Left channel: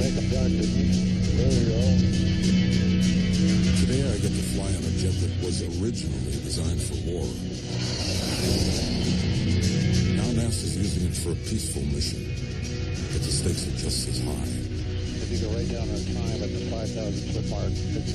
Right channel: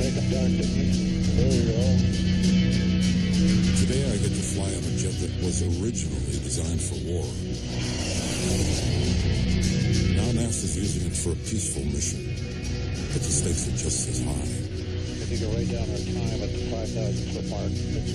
make them duck, didn't we? There you go. Today I get to fly on a jet that was originally designed for war. Now NASA's using it for a peaceful mission, but the stakes are just as high. If you could write down our time at the 5,000-foot mark, it's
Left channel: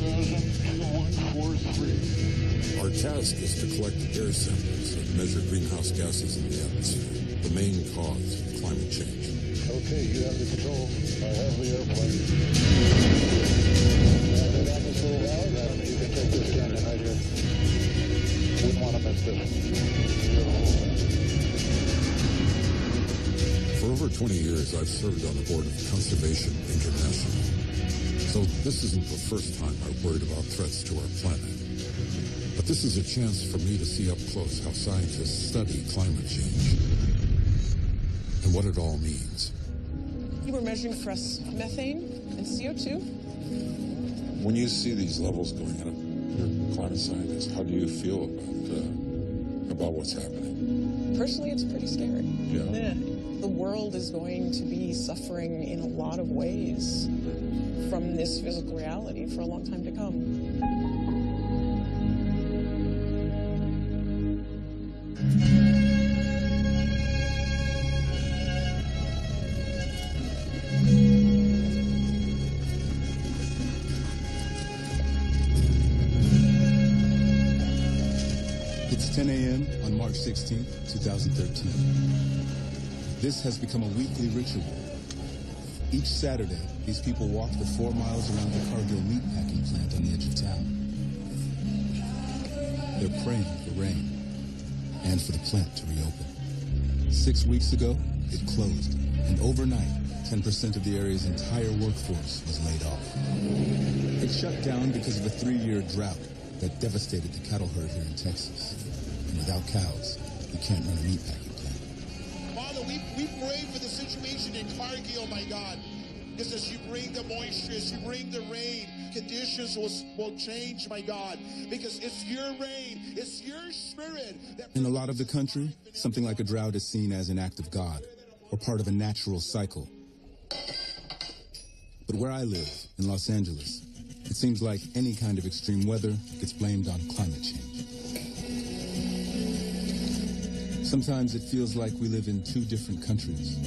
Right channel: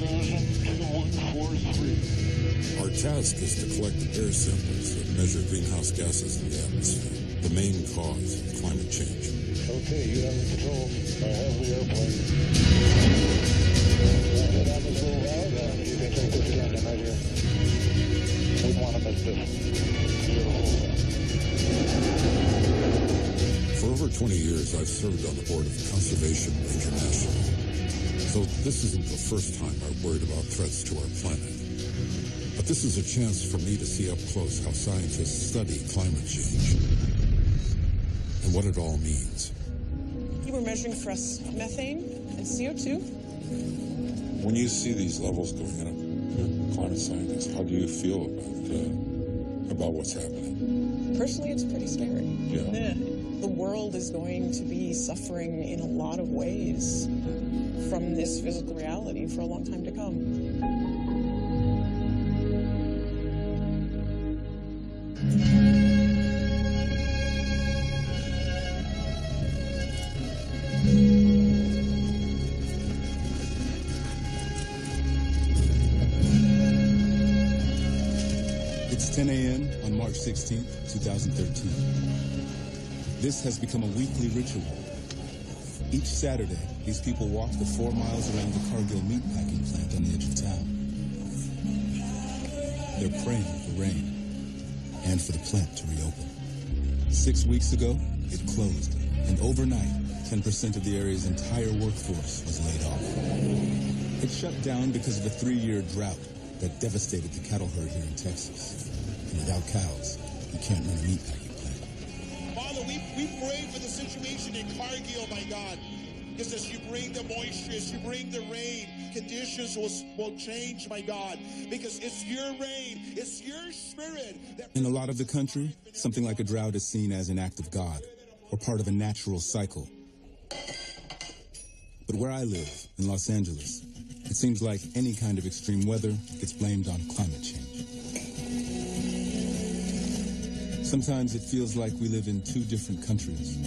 5,021.43. Our task is to collect air samples that measure greenhouse gases in the atmosphere, the main cause of climate change. Okay, you have the controls. I have the airplane. Do I go down this little valley? Yeah, you can take this canyon right here. Wouldn't want to miss this. Beautiful thing. For over 20 years, I've served on the board of Conservation International. So this isn't the first time I've worried about threats to our planet. But this is a chance for me to see up close how scientists study climate change and what it all means. You were measuring for us methane and CO2. When you see these levels going up, you're a climate scientist, how do you feel about what's happening? Personally, it's pretty scary. Yeah? The world is going to be suffering in a lot of ways from this physical reality for a long time to come. It's 10 a.m. on March 16th, 2013. This has become a weekly ritual. Each Saturday, these people walk the 4 miles around the Cargill meatpacking plant on the edge of town. They're praying for rain and for the plant to reopen. 6 weeks ago, it closed, and overnight, 10% of the area's entire workforce was laid off. It shut down because of a 3-year drought that devastated the cattle herd here in Texas. And without cows, you can't run a meatpacking plant. Father, we pray for the situation in Cargill, my God. Because as you bring the moisture, as you bring the rain, conditions will change, my God. Because it's your rain, it's your spirit. In a lot of the country, something like a drought is seen as an act of God or part of a natural cycle. But where I live, in Los Angeles, it seems like any kind of extreme weather gets blamed on climate change. Sometimes it feels like we live in two different countries.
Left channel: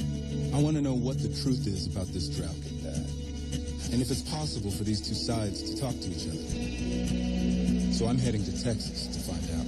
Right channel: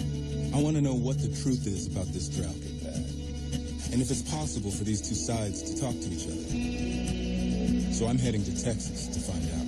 I want to know what the truth is about this drought. And if it's possible for these two sides to talk to each other. So I'm heading to Texas to find out.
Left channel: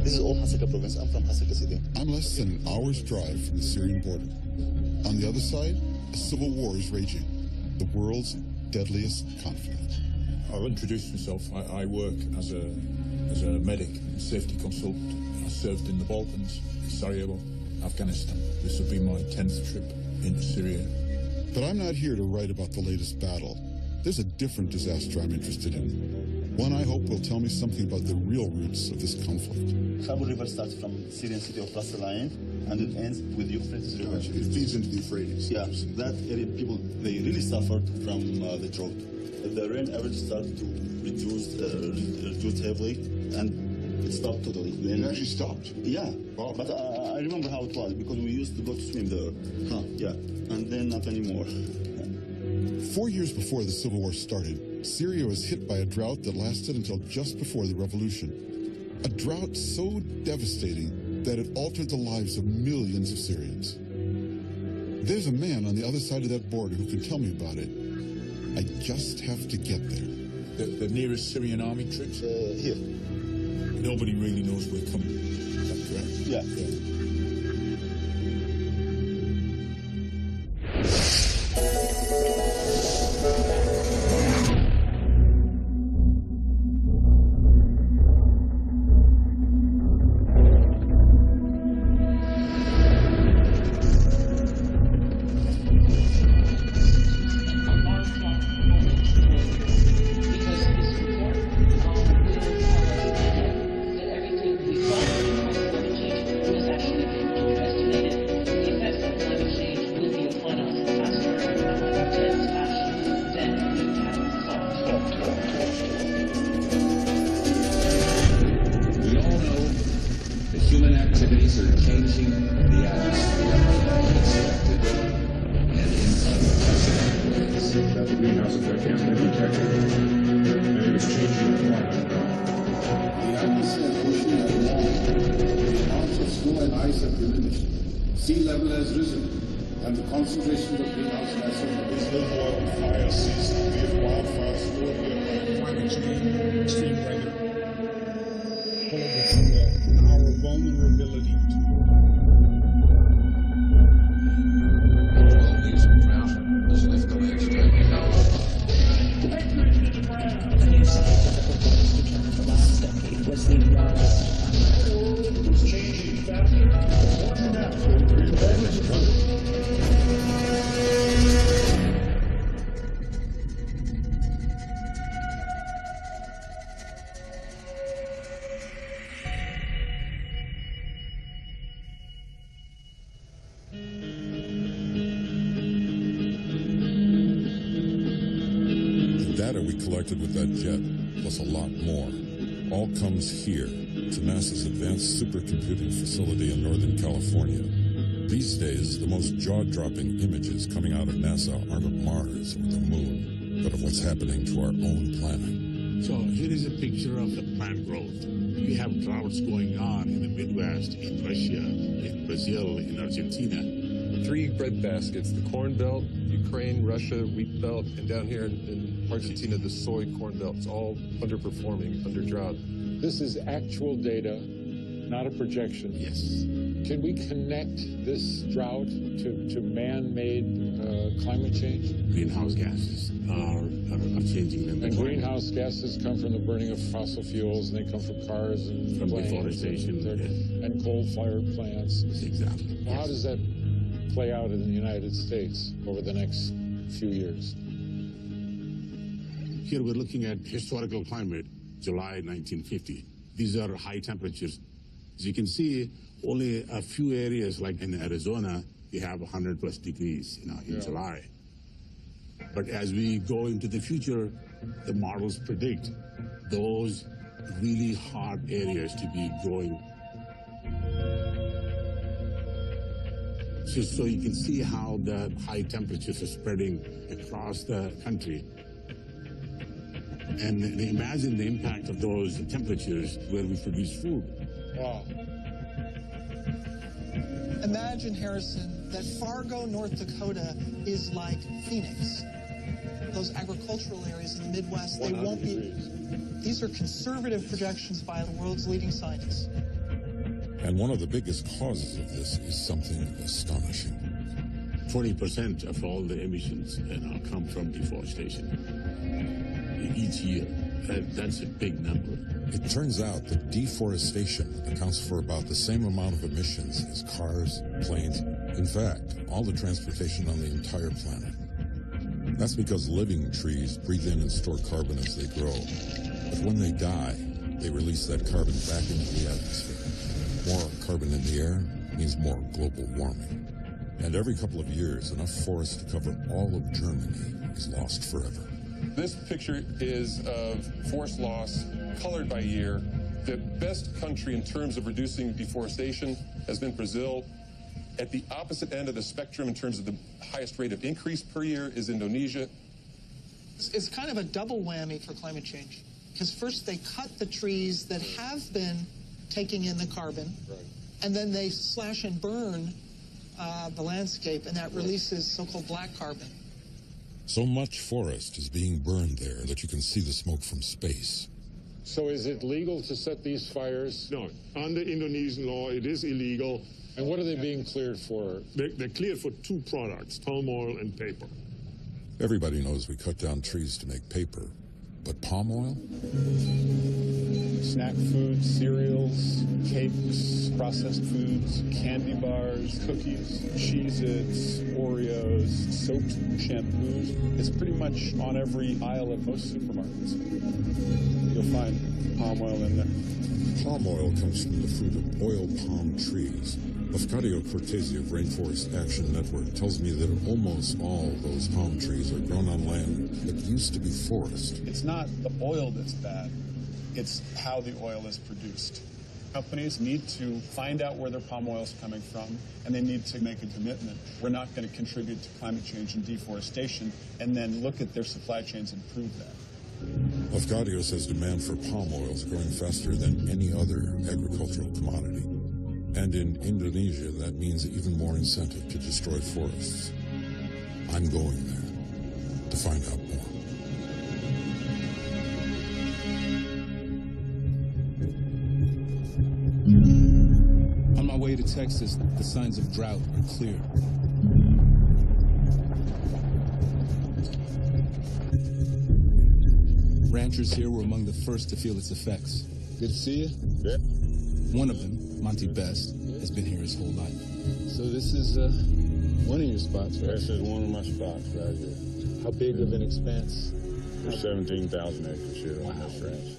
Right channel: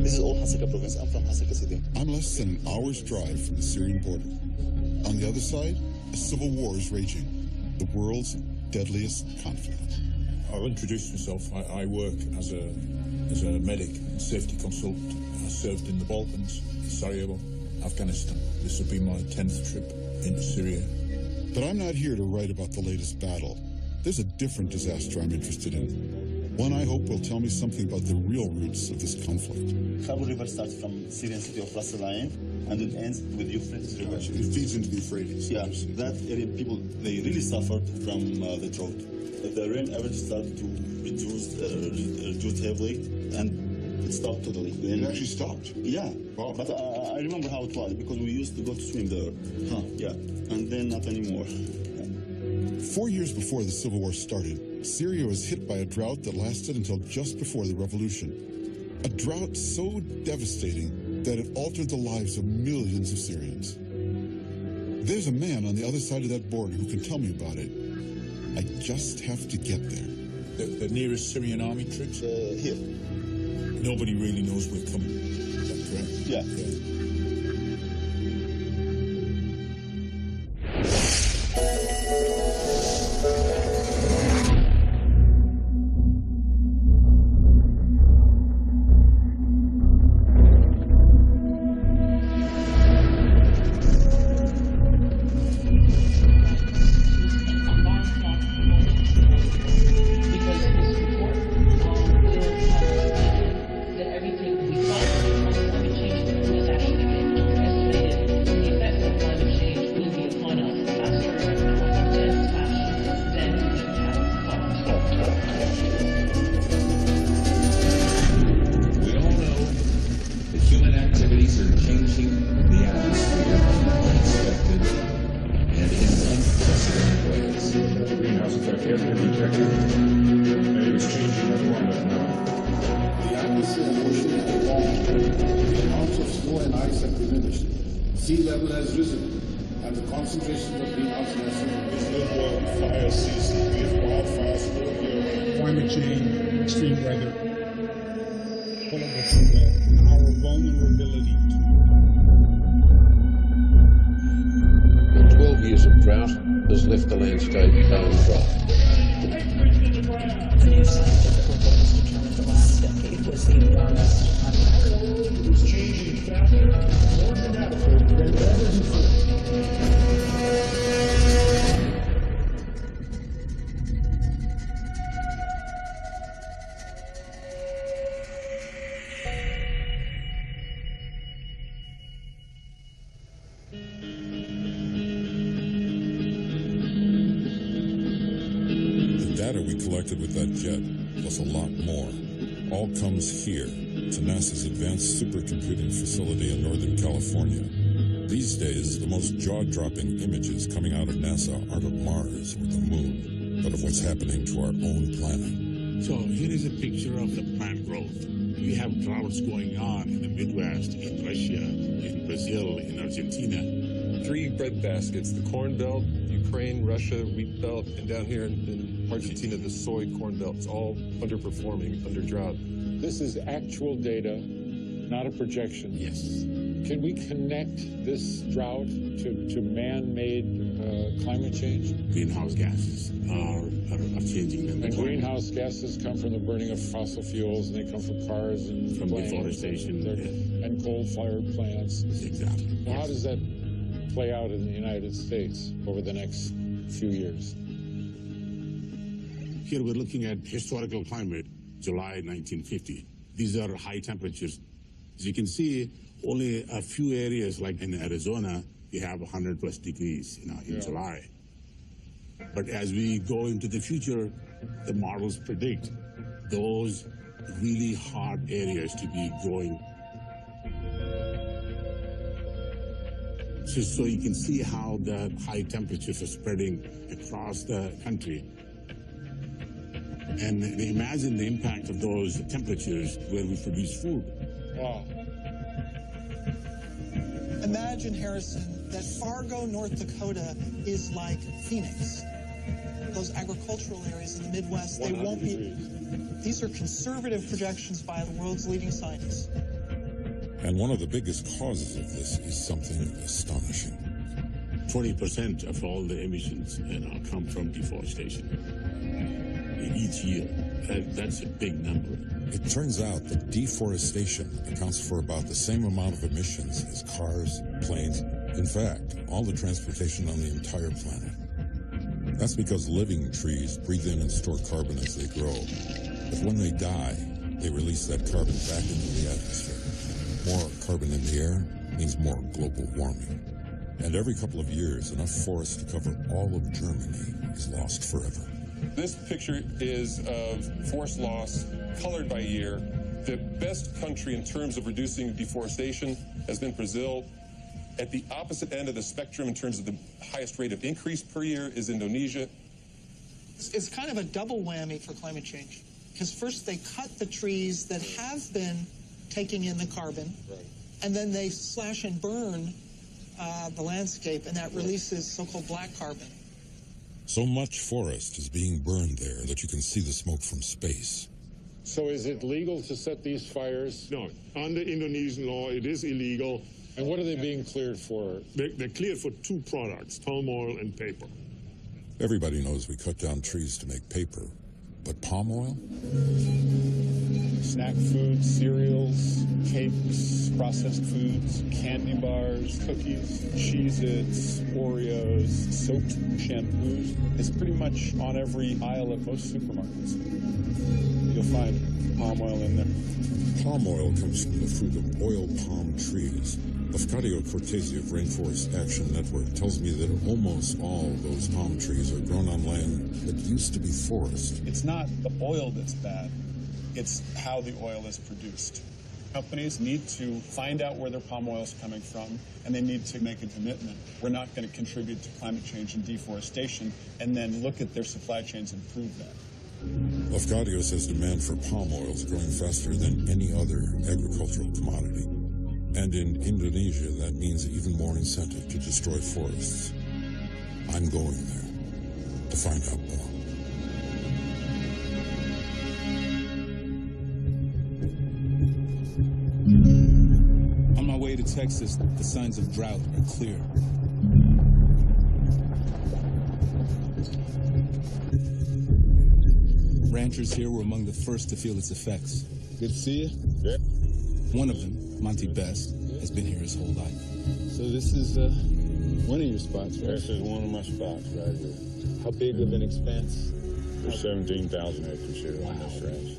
This is all Hasaka province. I'm from Hasaka city. I'm less than an hour's drive from the Syrian border. On the other side, a civil war is raging, the world's deadliest conflict. I'll introduce myself. I work as a medic and safety consultant. I served in the Balkans, Sarajevo, Afghanistan. This will be my 10th trip into Syria. But I'm not here to write about the latest battle. There's a different disaster I'm interested in. One I hope will tell me something about the real roots of this conflict. Khabur River starts from Syrian city of Ras Al-Ain, and it ends with Euphrates River. Gotcha. It feeds into the Euphrates. Yeah, that area, people, they really suffered from the drought. The rain average started to reduce heavily, and it stopped totally. It actually stopped? Yeah. Wow. But I remember how it was, because we used to go to swim there. Huh. Yeah, and then not anymore. Yeah. 4 years before the Civil War started, Syria was hit by a drought that lasted until just before the revolution. A drought so devastating that it altered the lives of millions of Syrians. There's a man on the other side of that border who can tell me about it. I just have to get there. The nearest Syrian army troops? Here. Nobody really knows we're coming. Is that correct? Yeah. Yeah. report will tell us again that everything we thought we knew on climate change has actually been underestimated. The effects of climate change will be upon us faster, intense fashion than we had thought. We all know that human activities are changing the atmosphere in unexpected and in unprecedented ways. That the greenhouse effect has been detected, and it is changing our climate now. The atmosphere and ocean have warmed. The amounts of snow and ice have diminished. Sea level has risen, and the concentrations of greenhouse gases have... There's no more fire season. We have wildfires all year round. Climate change, extreme weather, pull it what you will, and our vulnerability to it. Well, 12 years of drought has left the landscape bone dry. Patriots in the crowd. A new scientific report has determined the last decade was the warmest on record. Our world is changing faster and more dramatically than ever before. The data we collected with that jet, plus a lot more, all comes here to NASA's Advanced Supercomputing Facility in Northern California. These days, the most jaw-dropping images coming out of NASA aren't of Mars or the Moon, but of what's happening to our own planet. So here is a picture of the plant growth. You have droughts going on in the Midwest, in Russia, in Brazil, in Argentina. 3 bread baskets, the corn belt, Ukraine, Russia, wheat belt, and down here in Argentina, the soy corn belt. It's all underperforming, under drought. This is actual data, not a projection. Yes. Can we connect this drought to man-made climate change? Greenhouse gases are changing the And climate. greenhouse gases come from the burning of fossil fuels, and they come from cars and From planes deforestation, and coal-fired plants. Exactly. Well, how does that play out in the United States over the next few years? Here we're looking at historical climate, July 1950. These are high temperatures. As you can see, only a few areas, like in Arizona, you have 100 plus degrees, in July. But as we go into the future, the models predict those really hot areas to be growing. So you can see how the high temperatures are spreading across the country. And imagine the impact of those temperatures where we produce food. Wow. Imagine, Harrison, that Fargo, North Dakota is like Phoenix. Those agricultural areas in the Midwest, they won't be... degrees. These are conservative projections by the world's leading scientists. And one of the biggest causes of this is something astonishing. 20% of all the emissions come from deforestation each year. That's a big number. It turns out that deforestation accounts for about the same amount of emissions as cars, planes, in fact, all the transportation on the entire planet. That's because living trees breathe in and store carbon as they grow. But when they die, they release that carbon back into the atmosphere. More carbon in the air means more global warming. And every couple of years, enough forest to cover all of Germany is lost forever. This picture is of forest loss colored by year. The best country in terms of reducing deforestation has been Brazil. At the opposite end of the spectrum in terms of the highest rate of increase per year is Indonesia. It's kind of a double whammy for climate change. Because first they cut the trees that have been taking in the carbon, and then they slash and burn the landscape, and that releases so-called black carbon. So much forest is being burned there that you can see the smoke from space. So is it legal to set these fires? No, under Indonesian law, it is illegal. And what are they being cleared for? They're cleared for 2 products, palm oil and paper. Everybody knows we cut down trees to make paper, but palm oil? Snack foods, cereals, cakes, processed foods, candy bars, cookies, Cheez-Its, Oreos, soaps, shampoos. It's pretty much on every aisle of most supermarkets. you'll find palm oil in there. Palm oil comes from the fruit of oil palm trees. Lafcadio Cortese of Rainforest Action Network tells me that almost all those palm trees are grown on land that used to be forest. It's not the oil that's bad, it's how the oil is produced. Companies need to find out where their palm oil is coming from, and they need to make a commitment. We're not going to contribute to climate change and deforestation, and then look at their supply chains and prove that. Lafcadio says demand for palm oil is growing faster than any other agricultural commodity. And in Indonesia, that means even more incentive to destroy forests. I'm going there to find out more. On my way to Texas, the signs of drought are clear. Ranchers here were among the first to feel its effects. Good to see you. Yeah. One of them, Monty Best, has been here his whole life. So this is one of your spots, right? This is one of my spots right here. How big of an expanse? There's 17,000 acres here on this ranch.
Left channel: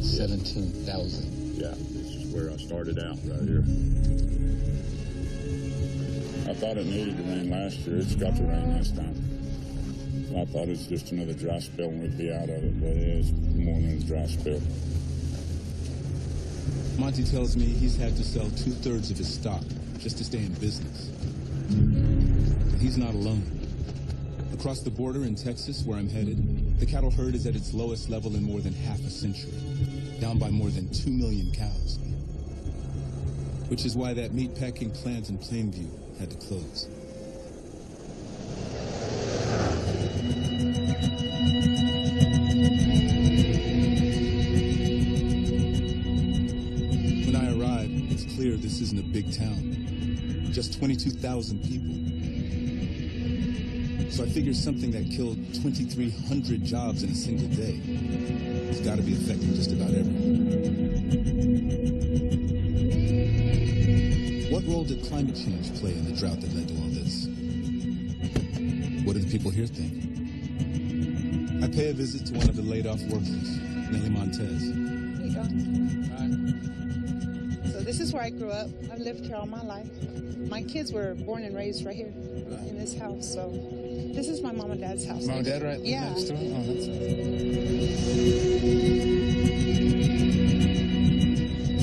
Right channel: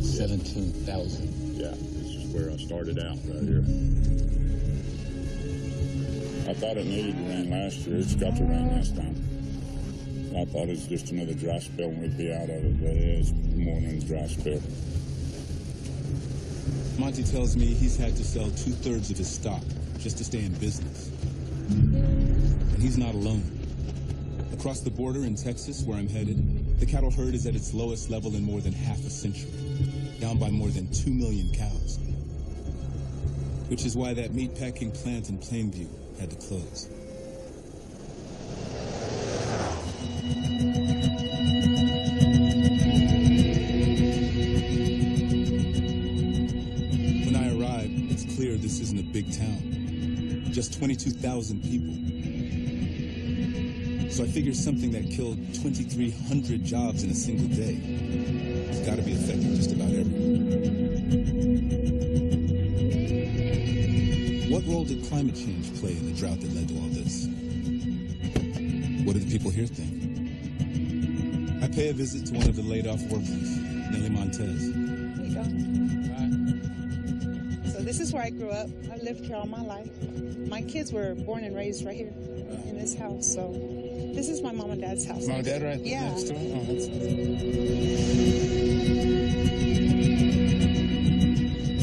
17,000. Yeah, this is where I started out, right here. I thought it needed to rain last year. It's got to rain this time. I thought it was just another dry spell and we'd be out of it, but it's more than a dry spell. Monty tells me he's had to sell 2/3 of his stock just to stay in business. And he's not alone. Across the border in Texas, where I'm headed, the cattle herd is at its lowest level in more than half a century, down by more than 2 million cows. Which is why that meatpacking plant in Plainview had to close. When I arrive, it's clear this isn't a big town. Just 22,000 people. So I figure something that killed 2,300 jobs in a single day has got to be affecting just about everyone. What role did climate change play in the drought that led to all this? What do the people here think? I pay a visit to one of the laid-off workers, Nellie Montez. How you doing? Hi. So this is where I grew up. I've lived here all my life. My kids were born and raised right here in this house. So this is my mom and dad's house. Mom and dad right Yeah. next door? Oh, that's nice.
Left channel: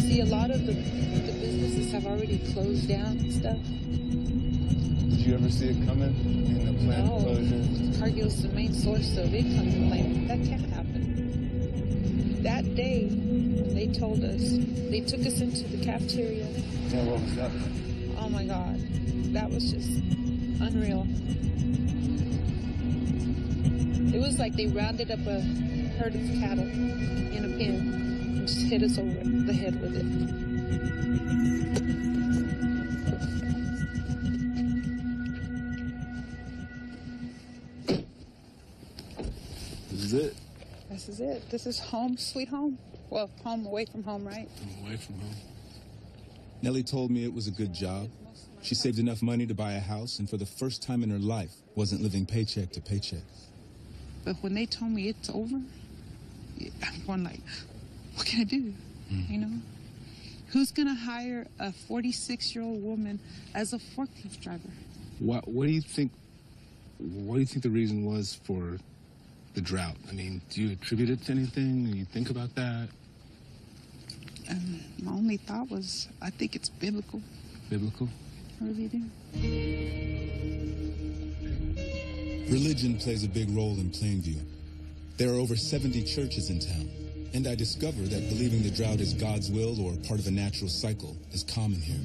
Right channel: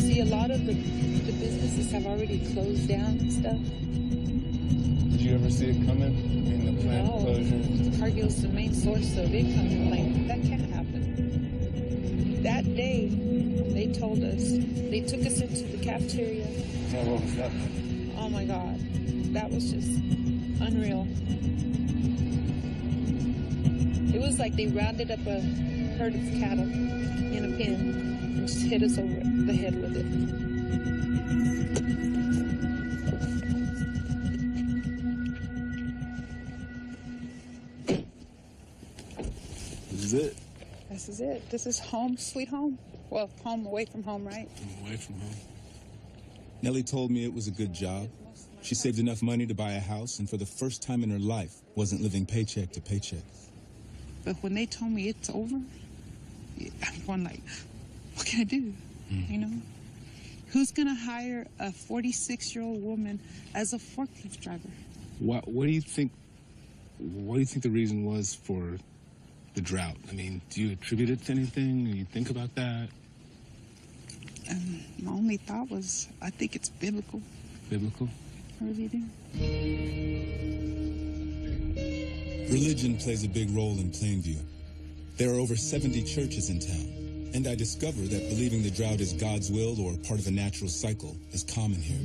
See, a lot of the businesses have already closed down and stuff. Did you ever see it coming? I mean, the plant closure? Cargill's the main source of income in Plainview. That can't happen. That day, when they told us, they took us into the cafeteria. Yeah, what was that? Oh my God, that was just unreal. It was like they rounded up a herd of cattle in a pen and just hit us over the head with it. This is it. This is it. This is home, sweet home. Well, home away from home, right? Away from home. Nellie told me it was a good job. She saved enough money to buy a house, and for the first time in her life, wasn't living paycheck to paycheck. But when they told me it's over, I'm going like, what can I do? You know? Who's going to hire a 46-year-old woman as a forklift driver? What do you think? What do you think the reason was for the drought? I mean, do you attribute it to anything? Do you think about that? My only thought was, I think it's biblical. Biblical? I really do. Religion plays a big role in Plainview. There are over 70 churches in town, and I discover that believing the drought is God's will or part of a natural cycle is common here.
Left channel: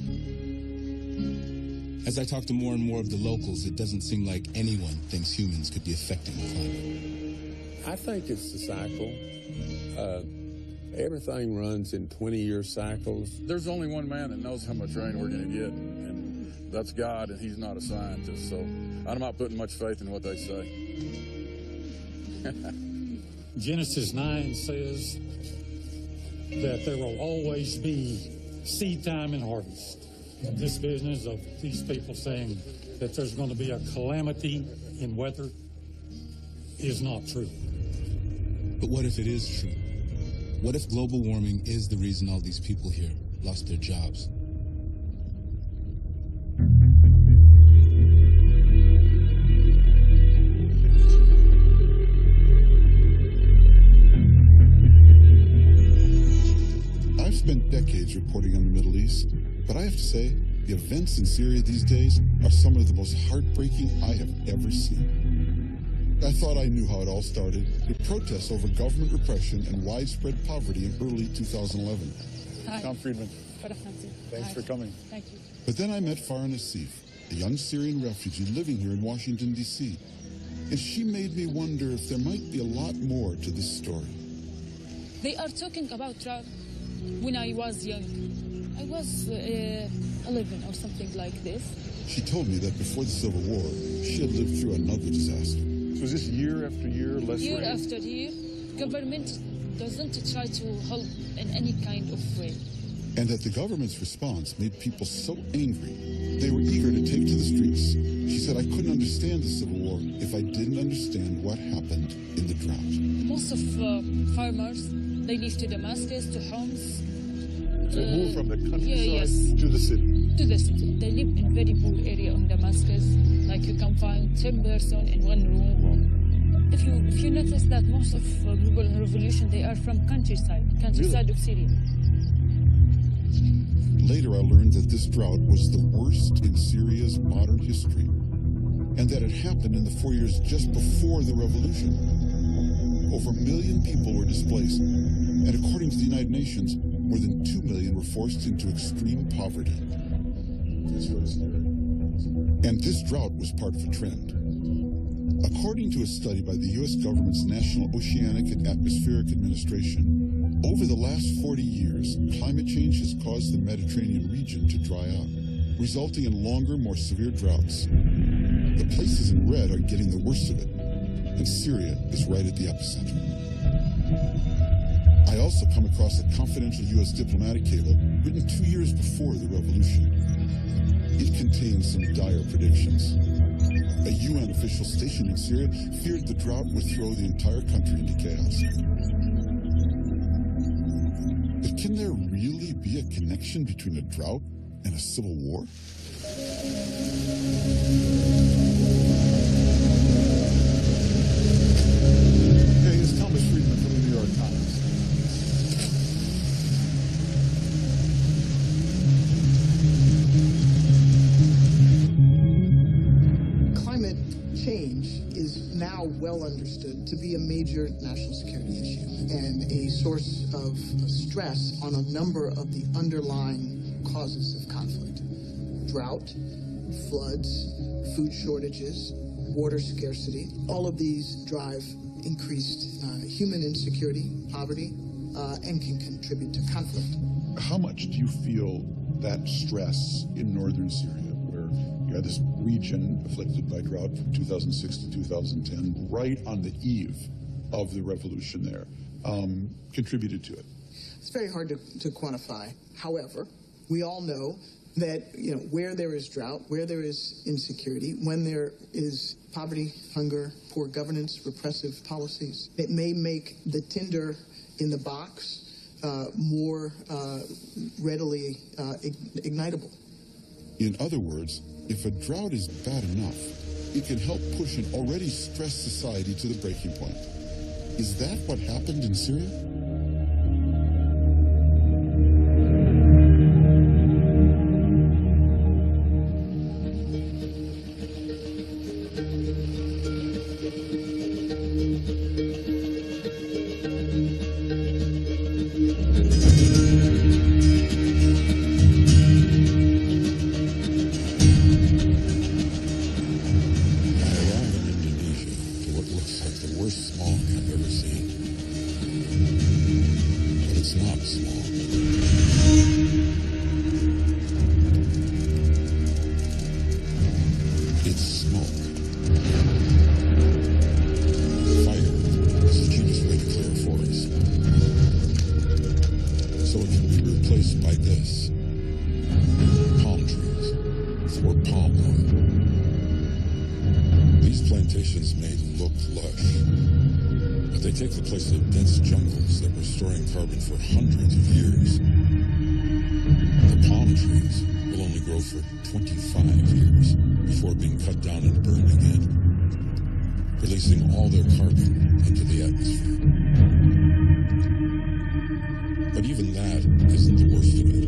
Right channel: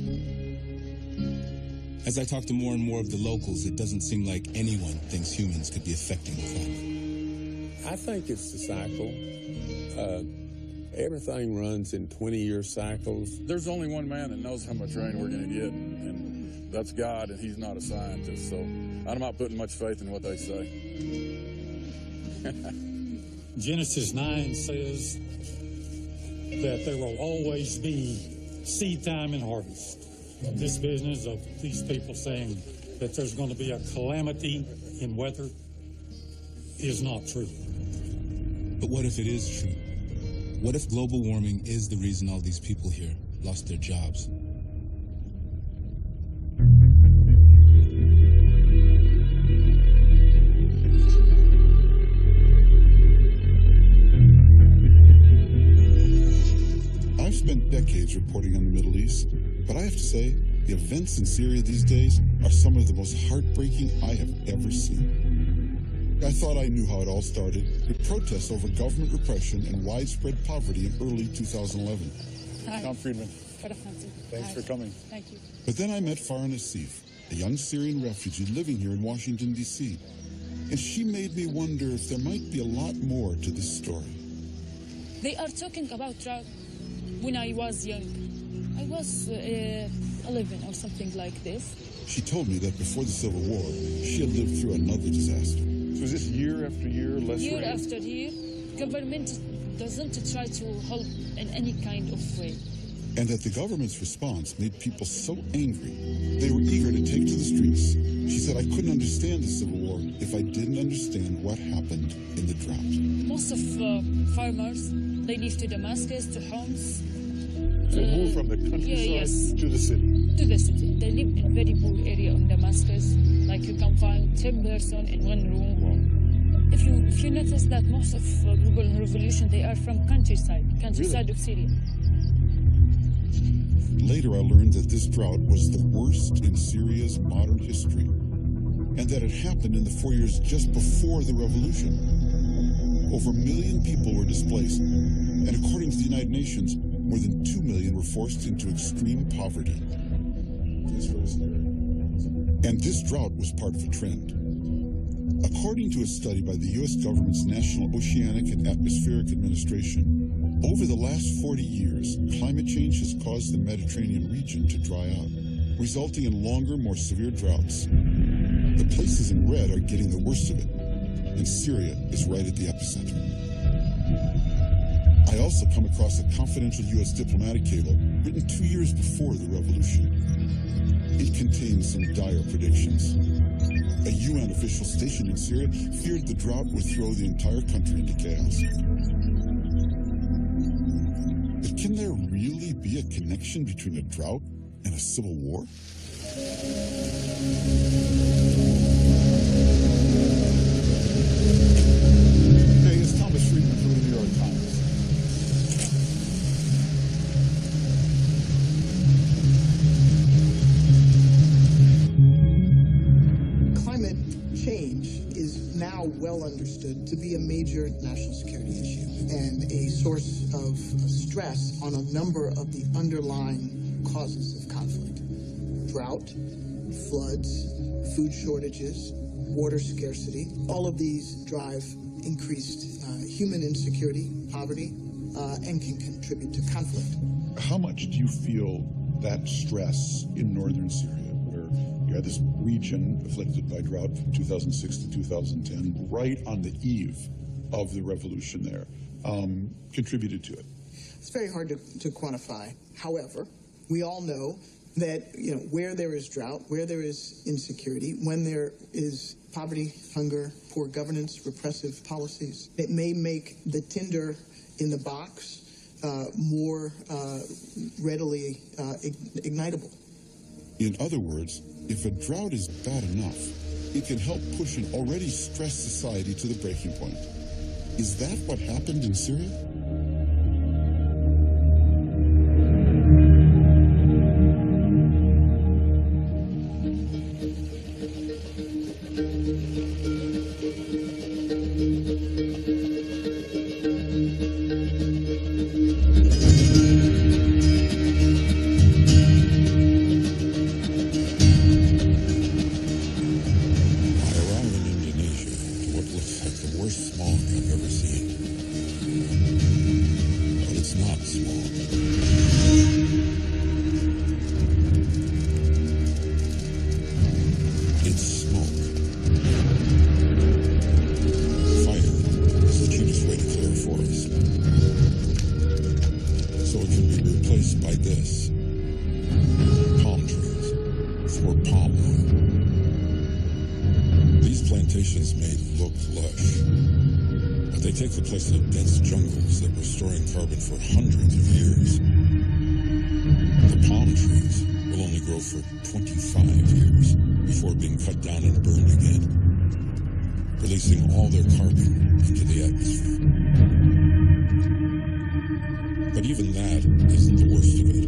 As I talk to more and more of the locals, it doesn't seem like anyone thinks humans could be affecting the climate. I think it's the cycle. Everything runs in 20-year cycles. There's only one man that knows how much rain we're going to get, and that's God, and he's not a scientist, so I'm not putting much faith in what they say. Genesis 9 says that there will always be seed time and harvest. And this business of these people saying that there's going to be a calamity in weather is not true. But what if it is true? What if global warming is the reason all these people here lost their jobs? I've spent decades reporting on the Middle East, but I have to say, the events in Syria these days are some of the most heartbreaking I have ever seen. I thought I knew how it all started, with protests over government repression and widespread poverty in early 2011. Hi. Tom Friedman. Thanks for coming. Thank you. But then I met Farah Nassif, a young Syrian refugee living here in Washington, D.C., and she made me wonder if there might be a lot more to this story. They are talking about drought. When I was young, I was 11 or something like this. She told me that before the Civil War, she had lived through another disaster. So is this year after year, less rain? Year after year, government doesn't try to help in any kind of way. And that the government's response made people so angry, they were eager to take to the streets. She said, I couldn't understand the Civil War if I didn't understand what happened in the drought. Most of farmers, they live to Damascus, to homes. So they move from the countryside to the city? To the city. They live in very poor area in Damascus. Like you can find 10 persons in one room. Wow. If you notice that most of people in revolution, they are from countryside Really? of Syria. Later, I learned that this drought was the worst in Syria's modern history, and that it happened in the 4 years just before the revolution. Over 1 million people were displaced, and according to the United Nations, more than 2 million were forced into extreme poverty. It's really scary. And this drought was part of a trend. According to a study by the U.S. government's National Oceanic and Atmospheric Administration, over the last 40 years, climate change has caused the Mediterranean region to dry out, resulting in longer, more severe droughts. The places in red are getting the worst of it, and Syria is right at the epicenter. I also come across a confidential U.S. diplomatic cable written 2 years before the revolution. It contains some dire predictions. A UN official stationed in Syria feared the drought would throw the entire country into chaos. But can there really be a connection between a drought and a civil war? Hey, it's Thomas Friedman from the New York Times. Climate change is now well understood to be a major national security issue and a source of stress on a number of the underlying causes of conflict. Drought, floods, food shortages, water scarcity, all of these drive increased human insecurity, poverty, and can contribute to conflict. How much do you feel that stress in northern Syria, where you had this region afflicted by drought from 2006 to 2010, right on the eve of the revolution there, contributed to it? It's very hard to quantify. However, we all know that where there is drought, where there is insecurity, when there is poverty, hunger, poor governance, repressive policies, it may make the tinder in the box more readily ignitable. In other words, if a drought is bad enough, it can help push an already stressed society to the breaking point. Is that what happened in Syria? Looks like the worst smog I've ever seen. But it's not smog. It's smoke. Fire is the cheapest way to clear a forest. So it can be replaced by this. Palm trees for palm oil. These plantations may look lush, but they take the place of dense jungles that were storing carbon for hundreds of years. The palm trees will only grow for 25 years before being cut down and burned again, releasing all their carbon into the atmosphere. But even that isn't the worst of it.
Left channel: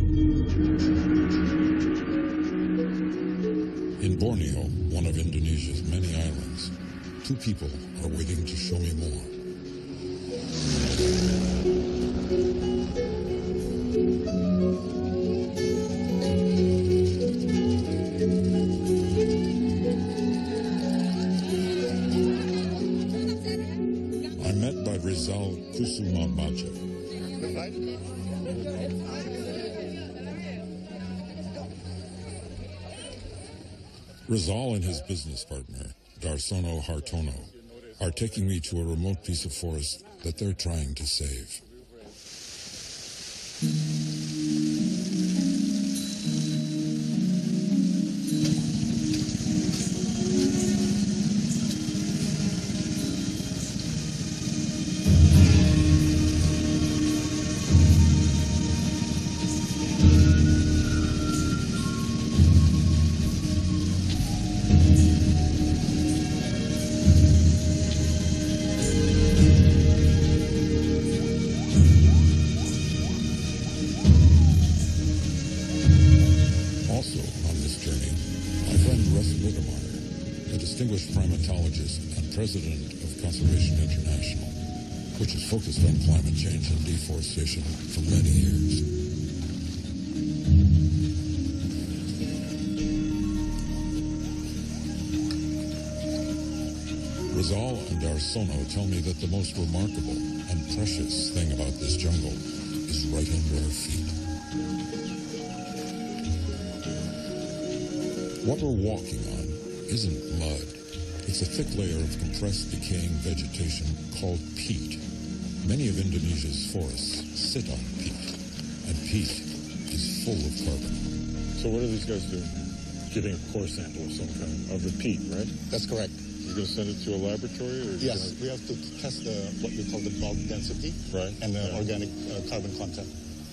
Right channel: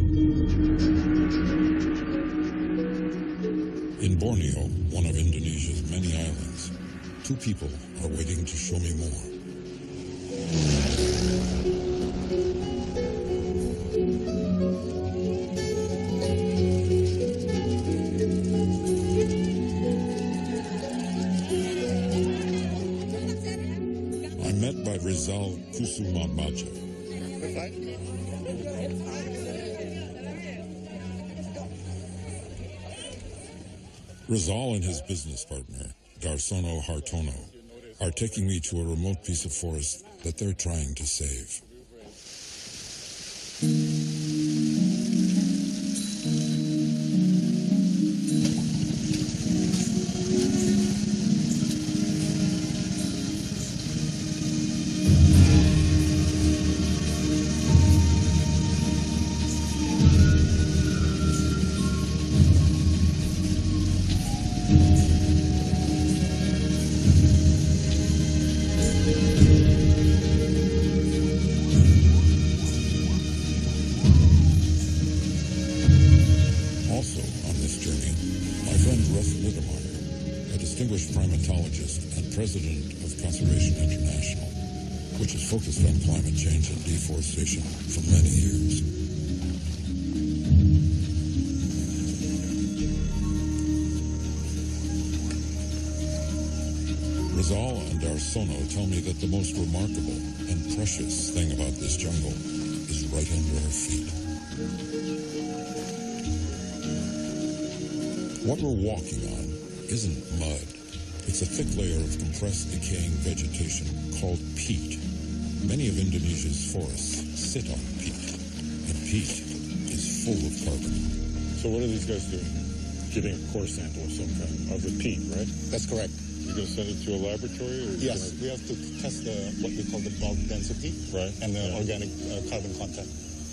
In Borneo, one of Indonesia's many islands, two people are waiting to show me more. I'm met by Rizal Kusumadmaja. Rizal and his business partner, Darsono Hartono, are taking me to a remote piece of forest that they're trying to save. Also on this journey, my friend Russ Mittermeier, a distinguished primatologist and president of Conservation International, which is focused on climate change and deforestation for many years. Rizal and Darsono tell me that the most remarkable and precious thing about this jungle is right under our feet. What we're walking on isn't mud. It's a thick layer of compressed, decaying vegetation called peat. Many of Indonesia's forests sit on peat, and peat is full of carbon. So what are these guys doing here? Getting a core sample of some kind of the peat, right? That's correct. You're going to send it to a laboratory? Or yes, we have to test what we call the bulk density and the organic carbon content.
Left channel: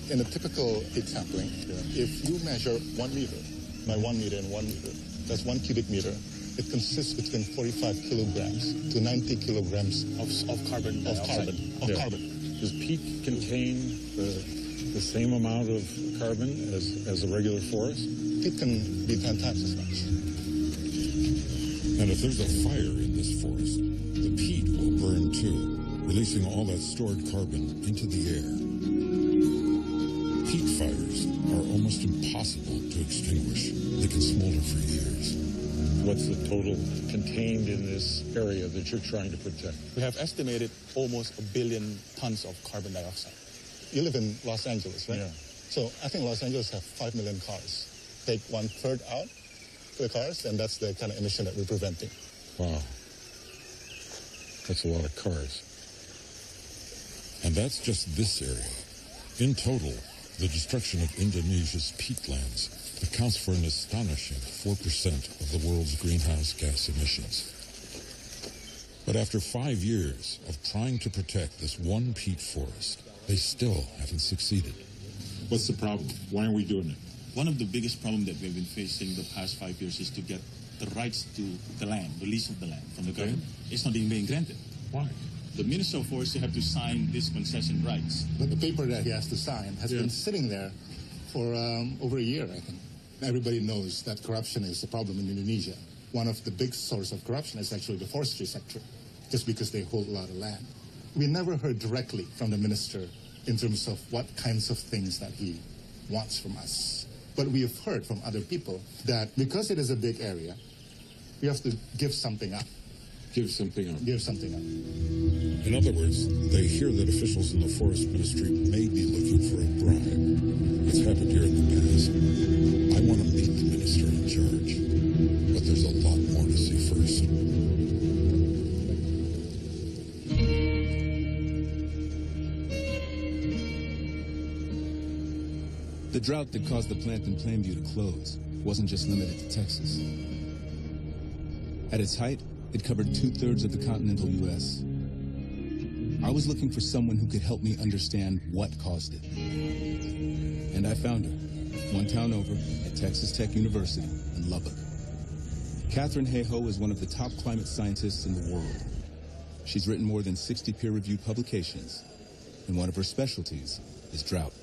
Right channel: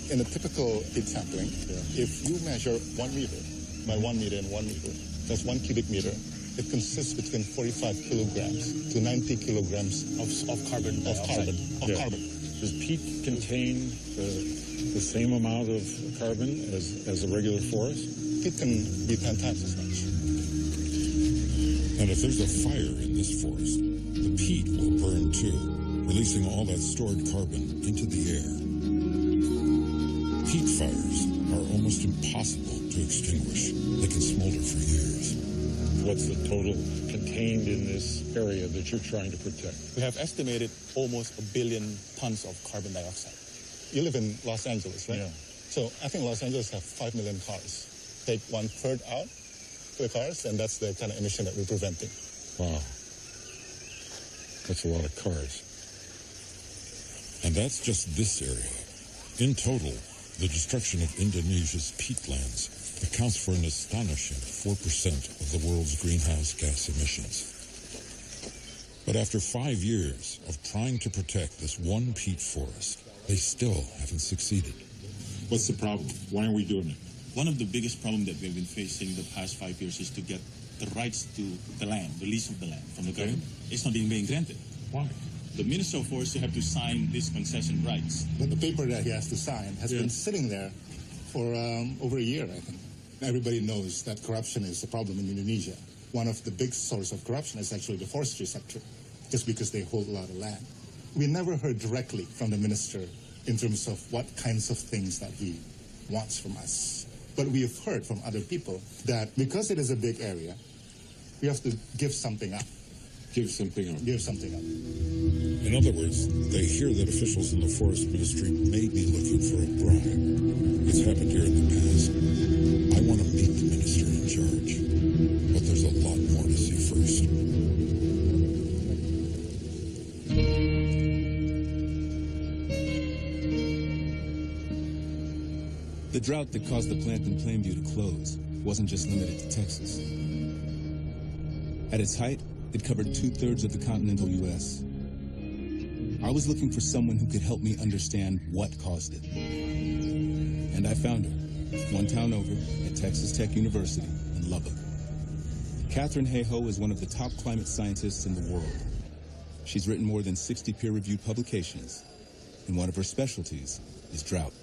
In a typical peat sampling, if you measure 1 meter by 1 meter and 1 meter, that's 1 cubic meter. It consists between 45 kilograms to 90 kilograms of carbon dioxide. Carbon. Does peat contain the same amount of carbon as a regular forest? Peat can be 10 times as much. And if there's a fire in this forest, the peat will burn too, releasing all that stored carbon into the air. Peat fires are almost impossible to extinguish. They can smolder for years. What's the total contained in this area that you're trying to protect? We have estimated almost 1 billion tons of carbon dioxide. You live in Los Angeles, right? Yeah. So I think Los Angeles have 5 million cars. Take 1/3 out for the cars, and that's the kind of emission that we're preventing. Wow. That's a lot of cars. And that's just this area. In total, the destruction of Indonesia's peatlands accounts for an astonishing 4% of the world's greenhouse gas emissions. But after 5 years of trying to protect this one peat forest, they still haven't succeeded. What's the problem? Why aren't we doing it? One of the biggest problems that we've been facing the past 5 years is to get the rights to the land, the lease of the land from the government. It's not being granted. Why? The Minister of Forestry have to sign these concession rights. But the paper that he has to sign has been sitting there for over a year, I think. Everybody knows that corruption is a problem in Indonesia. One of the big sources of corruption is actually the forestry sector, just because they hold a lot of land. We never heard directly from the minister in terms of what kinds of things that he wants from us. But we have heard from other people that because it is a big area, we have to give something up. Give something up. Give something up. In other words, they hear that officials in the forest ministry may be looking for a bribe. It's happened here in the past. I want to meet the minister in charge, but there's a lot more to see first. The drought that caused the plant in Plainview to close wasn't just limited to Texas. At its height, it covered 2/3 of the continental U.S. I was looking for someone who could help me understand what caused it. And I found her, one town over at Texas Tech University in Lubbock. Katherine Hayhoe is one of the top climate scientists in the world. She's written more than 60 peer-reviewed publications, and one of her specialties is drought.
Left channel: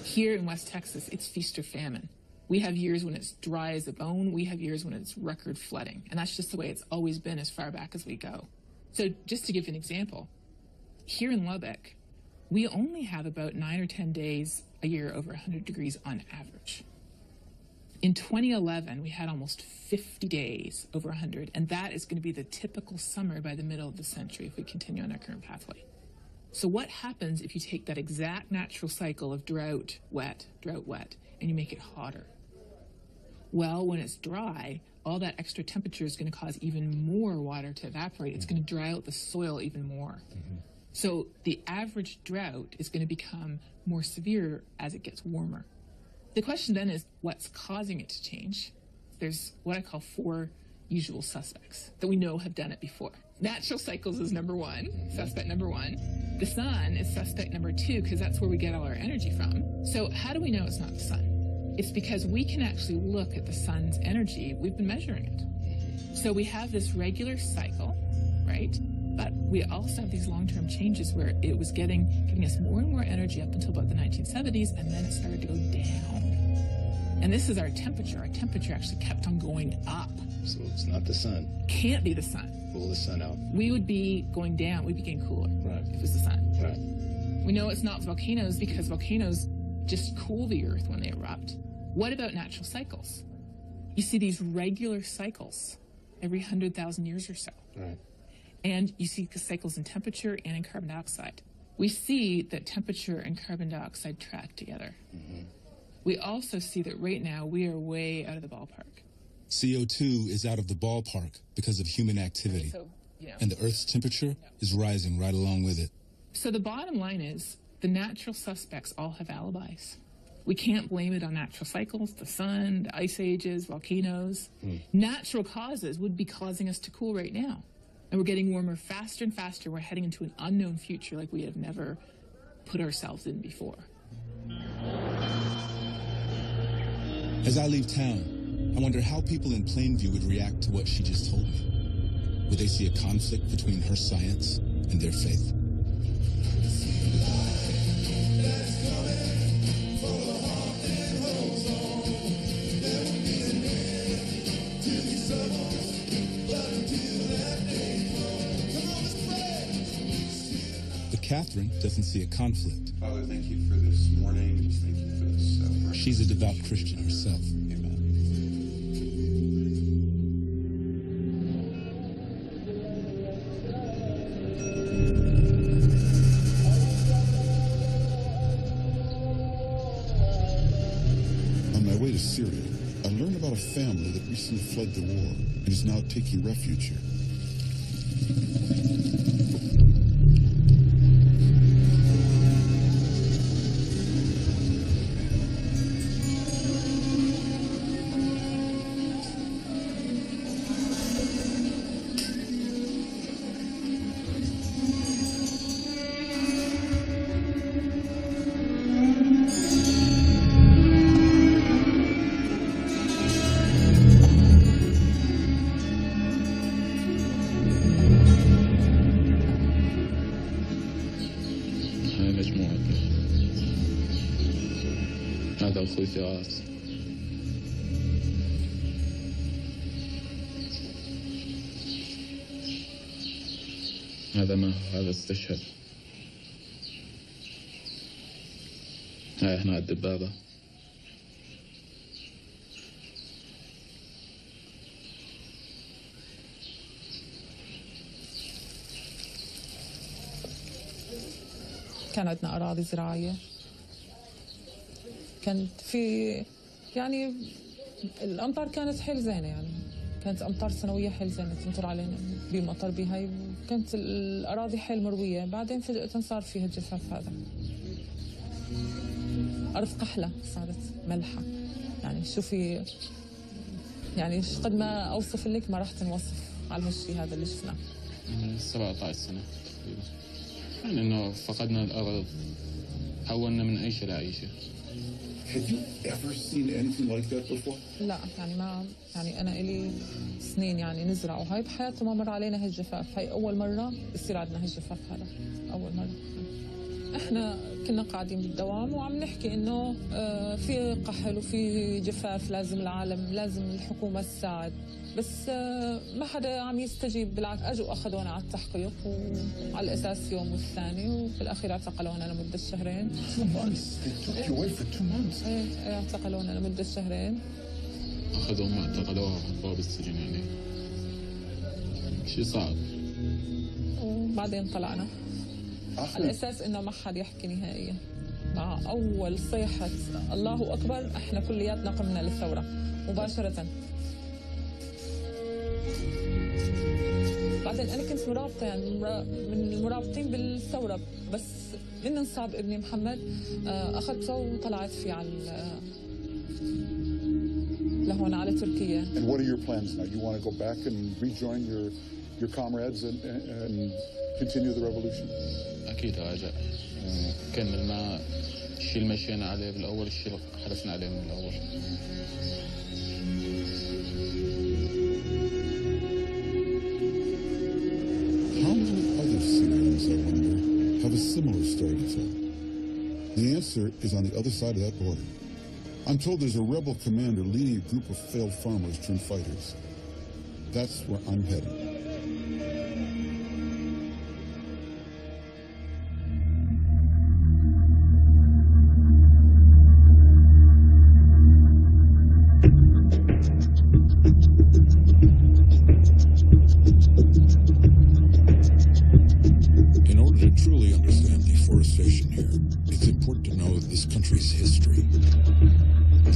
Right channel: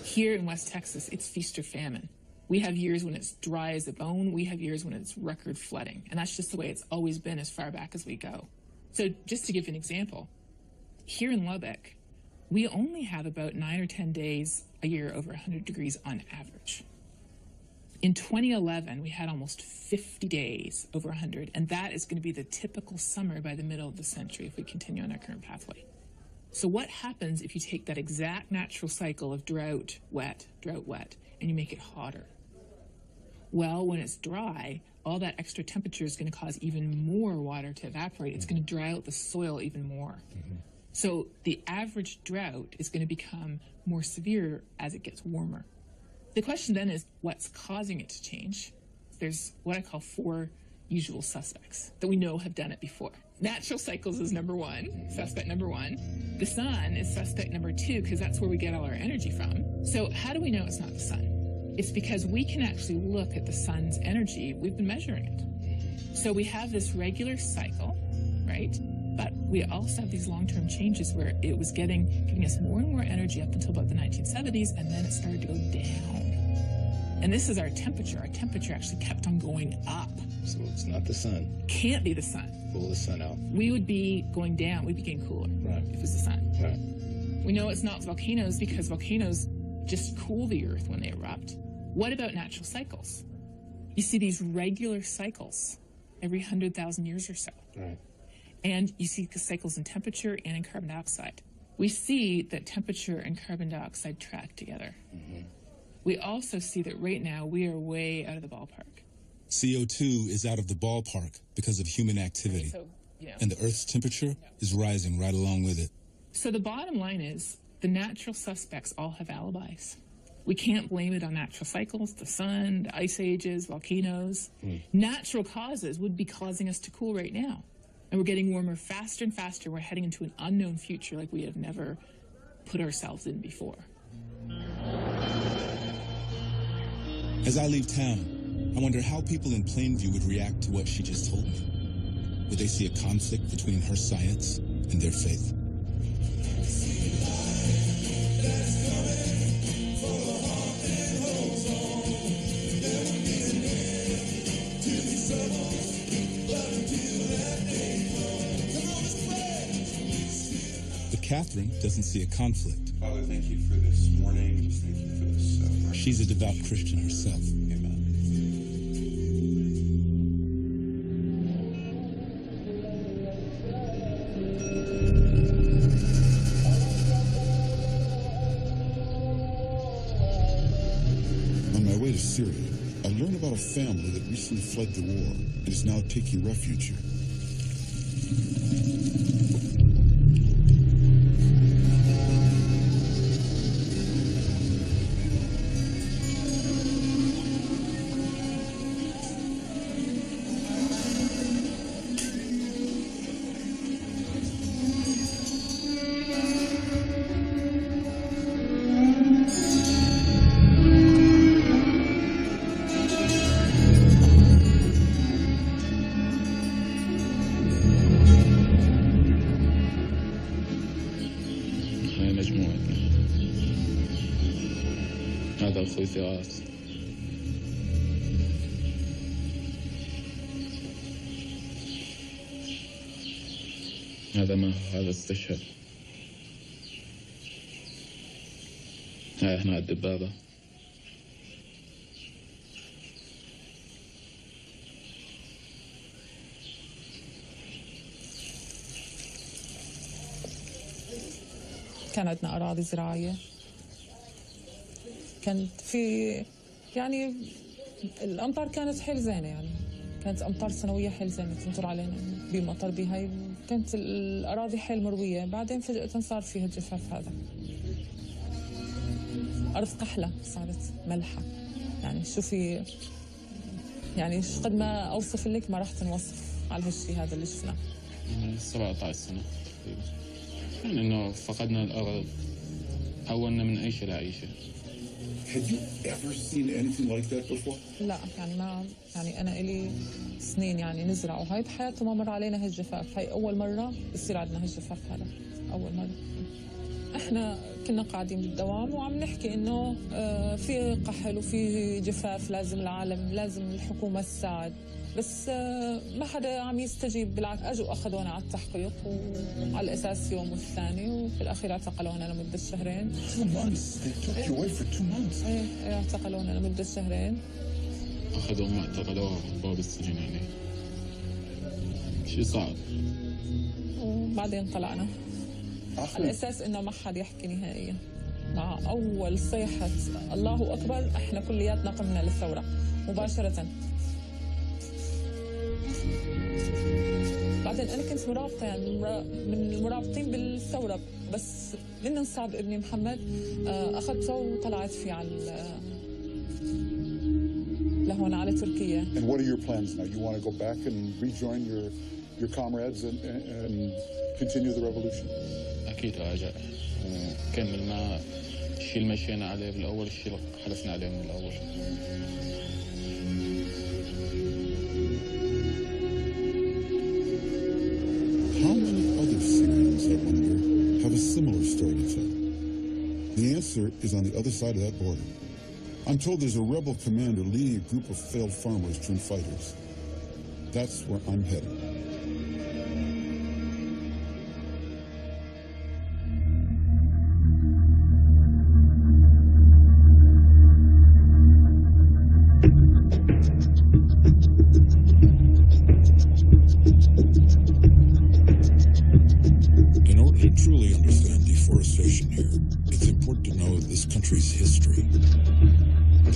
Here in West Texas, it's feast or famine. We have years when it's dry as a bone. We have years when it's record flooding. And that's just the way it's always been as far back as we go. So just to give you an example, here in Lubbock, we only have about 9 or 10 days a year over 100 degrees on average. In 2011, we had almost 50 days over 100, and that is going to be the typical summer by the middle of the century if we continue on our current pathway. So what happens if you take that exact natural cycle of drought, wet, and you make it hotter? Well, when it's dry, all that extra temperature is going to cause even more water to evaporate. It's going to dry out the soil even more. So the average drought is going to become more severe as it gets warmer. The question then is, what's causing it to change? There's what I call 4 usual suspects that we know have done it before. Natural cycles is number 1, suspect number 1. The sun is suspect number 2, because that's where we get all our energy from. So how do we know it's not the sun? It's because we can actually look at the sun's energy. We've been measuring it. So we have this regular cycle, right? But we also have these long-term changes where it was giving us more and more energy up until about the 1970s, and then it started to go down. And this is our temperature. Our temperature actually kept on going up. So it's not the sun. Can't be the sun. Pull the sun out. We would be going down. We'd be getting cooler if it was the sun. Right. We know it's not volcanoes because volcanoes just cool the earth when they erupt. What about natural cycles? You see these regular cycles every 100,000 years or so. Right. And you see cycles in temperature and in carbon dioxide. We see that temperature and carbon dioxide track together. We also see that right now we are way out of the ballpark. CO2 is out of the ballpark because of human activity. So, and the Earth's temperature is rising right along with it. So the bottom line is the natural suspects all have alibis. We can't blame it on natural cycles, the sun, the ice ages, volcanoes. Natural causes would be causing us to cool right now. And we're getting warmer faster and faster. We're heading into an unknown future like we have never put ourselves in before. As I leave town, I wonder how people in Plainview would react to what she just told me. Would they see a conflict between her science and their faith? Katherine doesn't see a conflict. Father, thank you for this morning. Just thank you for this. She's a devout Christian herself. Amen. On my way to Syria, I learned about a family that recently fled the war and is now taking refuge here. هاي مجموعتنا. هذا أخوي فراس. هذا ما هذا استشهد. هاي هنا الدبابة. كان عندنا أراضي زراعية، كانت في يعني الأمطار كانت حيل زينة، يعني كانت أمطار سنوية حيل زينة تمطر علينا بمطر بهاي، وكانت الأراضي حيل مروية. بعدين فجأة صار فيها الجفاف هذا، أرض قحلة صارت ملحة. يعني شوفي يعني قد ما أوصف لك ما راح تنوصف على هالشيء هذا اللي شفناه. 17 سنة تقريبا. يعني إنه فقدنا الأرض، حولنا من عيشة لعيشة. Had you ever seen anything like that before? لا يعني ما يعني أنا إلي سنين يعني نزرع وهاي بحياته ما مر علينا هالجفاف. هاي أول مرة يصير عندنا هالجفاف هذا، أول مرة. احنا كنا قاعدين بالدوام وعم نحكي انه في قحل وفي جفاف، لازم العالم، لازم الحكومة تساعد، بس ما حدا عم يستجيب. بالعكس اجوا اخذونا على التحقيق وعلى الاساس يوم والثاني، وفي الاخير اعتقلونا لمدة شهرين. 2 months. They took you away for 2 months. ايه اعتقلونا لمدة شهرين. أخذوا ما اعتقلوها وحطوها بالسجن، يعني شيء صعب. وبعدين طلعنا على الأساس إنه ما حد يحكي نهائيا. مع أول صيحة الله أكبر إحنا كلياتنا قمنا للثورة مباشرة. بعدين أنا كنت مرابطة يعني من المرابطين بالثورة، بس من انصاب ابني محمد أخذته وطلعت فيه على لهون على تركيا. And what are your plans now? You want to go back and rejoin your comrades and continue the revolution? أكيد راجع وكمل مع الشيء اللي مشينا عليه بالأول، الشيء اللي حلفنا عليه من الأول. How many other Syrians, I wonder, have a similar story to tell? The answer is on the other side of that border. I'm told there's a rebel commander leading a group of failed farmers turned fighters. That's where I'm heading. In order to truly understand deforestation here, it's important to know this country's history.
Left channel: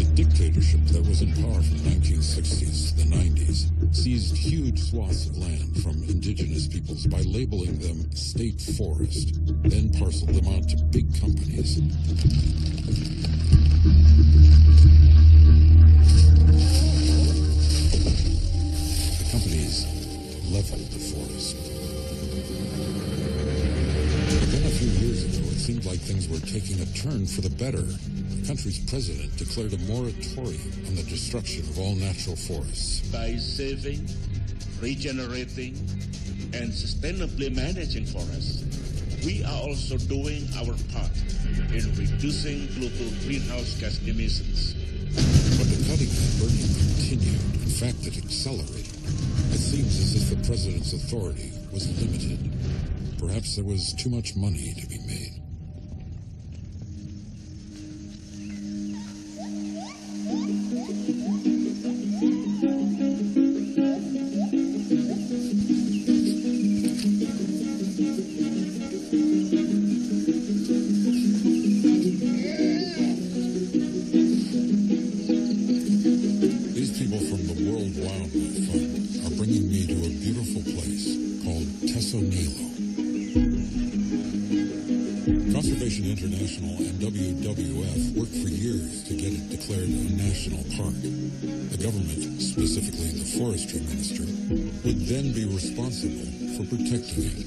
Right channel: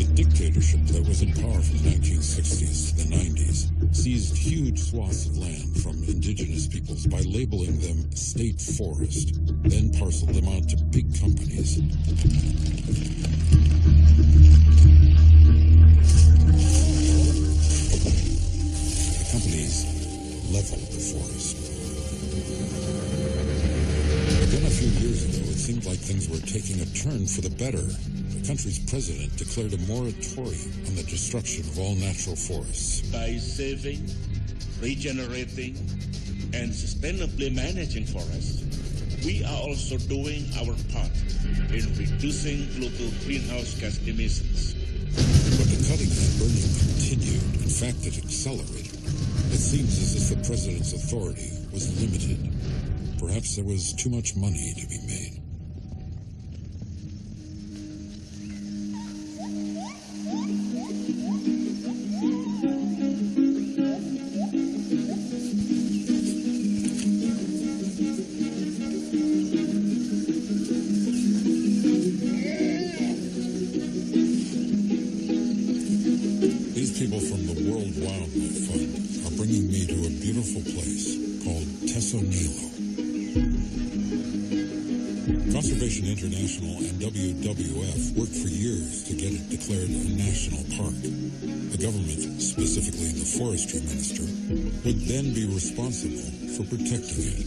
The dictatorship that was in power from the 1960s to the 90s seized huge swaths of land from indigenous peoples by labeling them state forest, then parceled them out to big companies. The companies leveled the forest. But then a few years ago, it seemed like things were taking a turn for the better. The country's president declared a moratorium on the destruction of all natural forests. By saving, regenerating, and sustainably managing forests, we are also doing our part in reducing global greenhouse gas emissions. But the cutting and burning continued. In fact, it accelerated. It seems as if the president's authority was limited. Perhaps there was too much money to be made. These people from the World Wildlife Fund are bringing me to a beautiful place called S01E01. Conservation International and WWF worked for years to get it declared a national park. The government, specifically the forestry minister, would then be responsible for protecting it.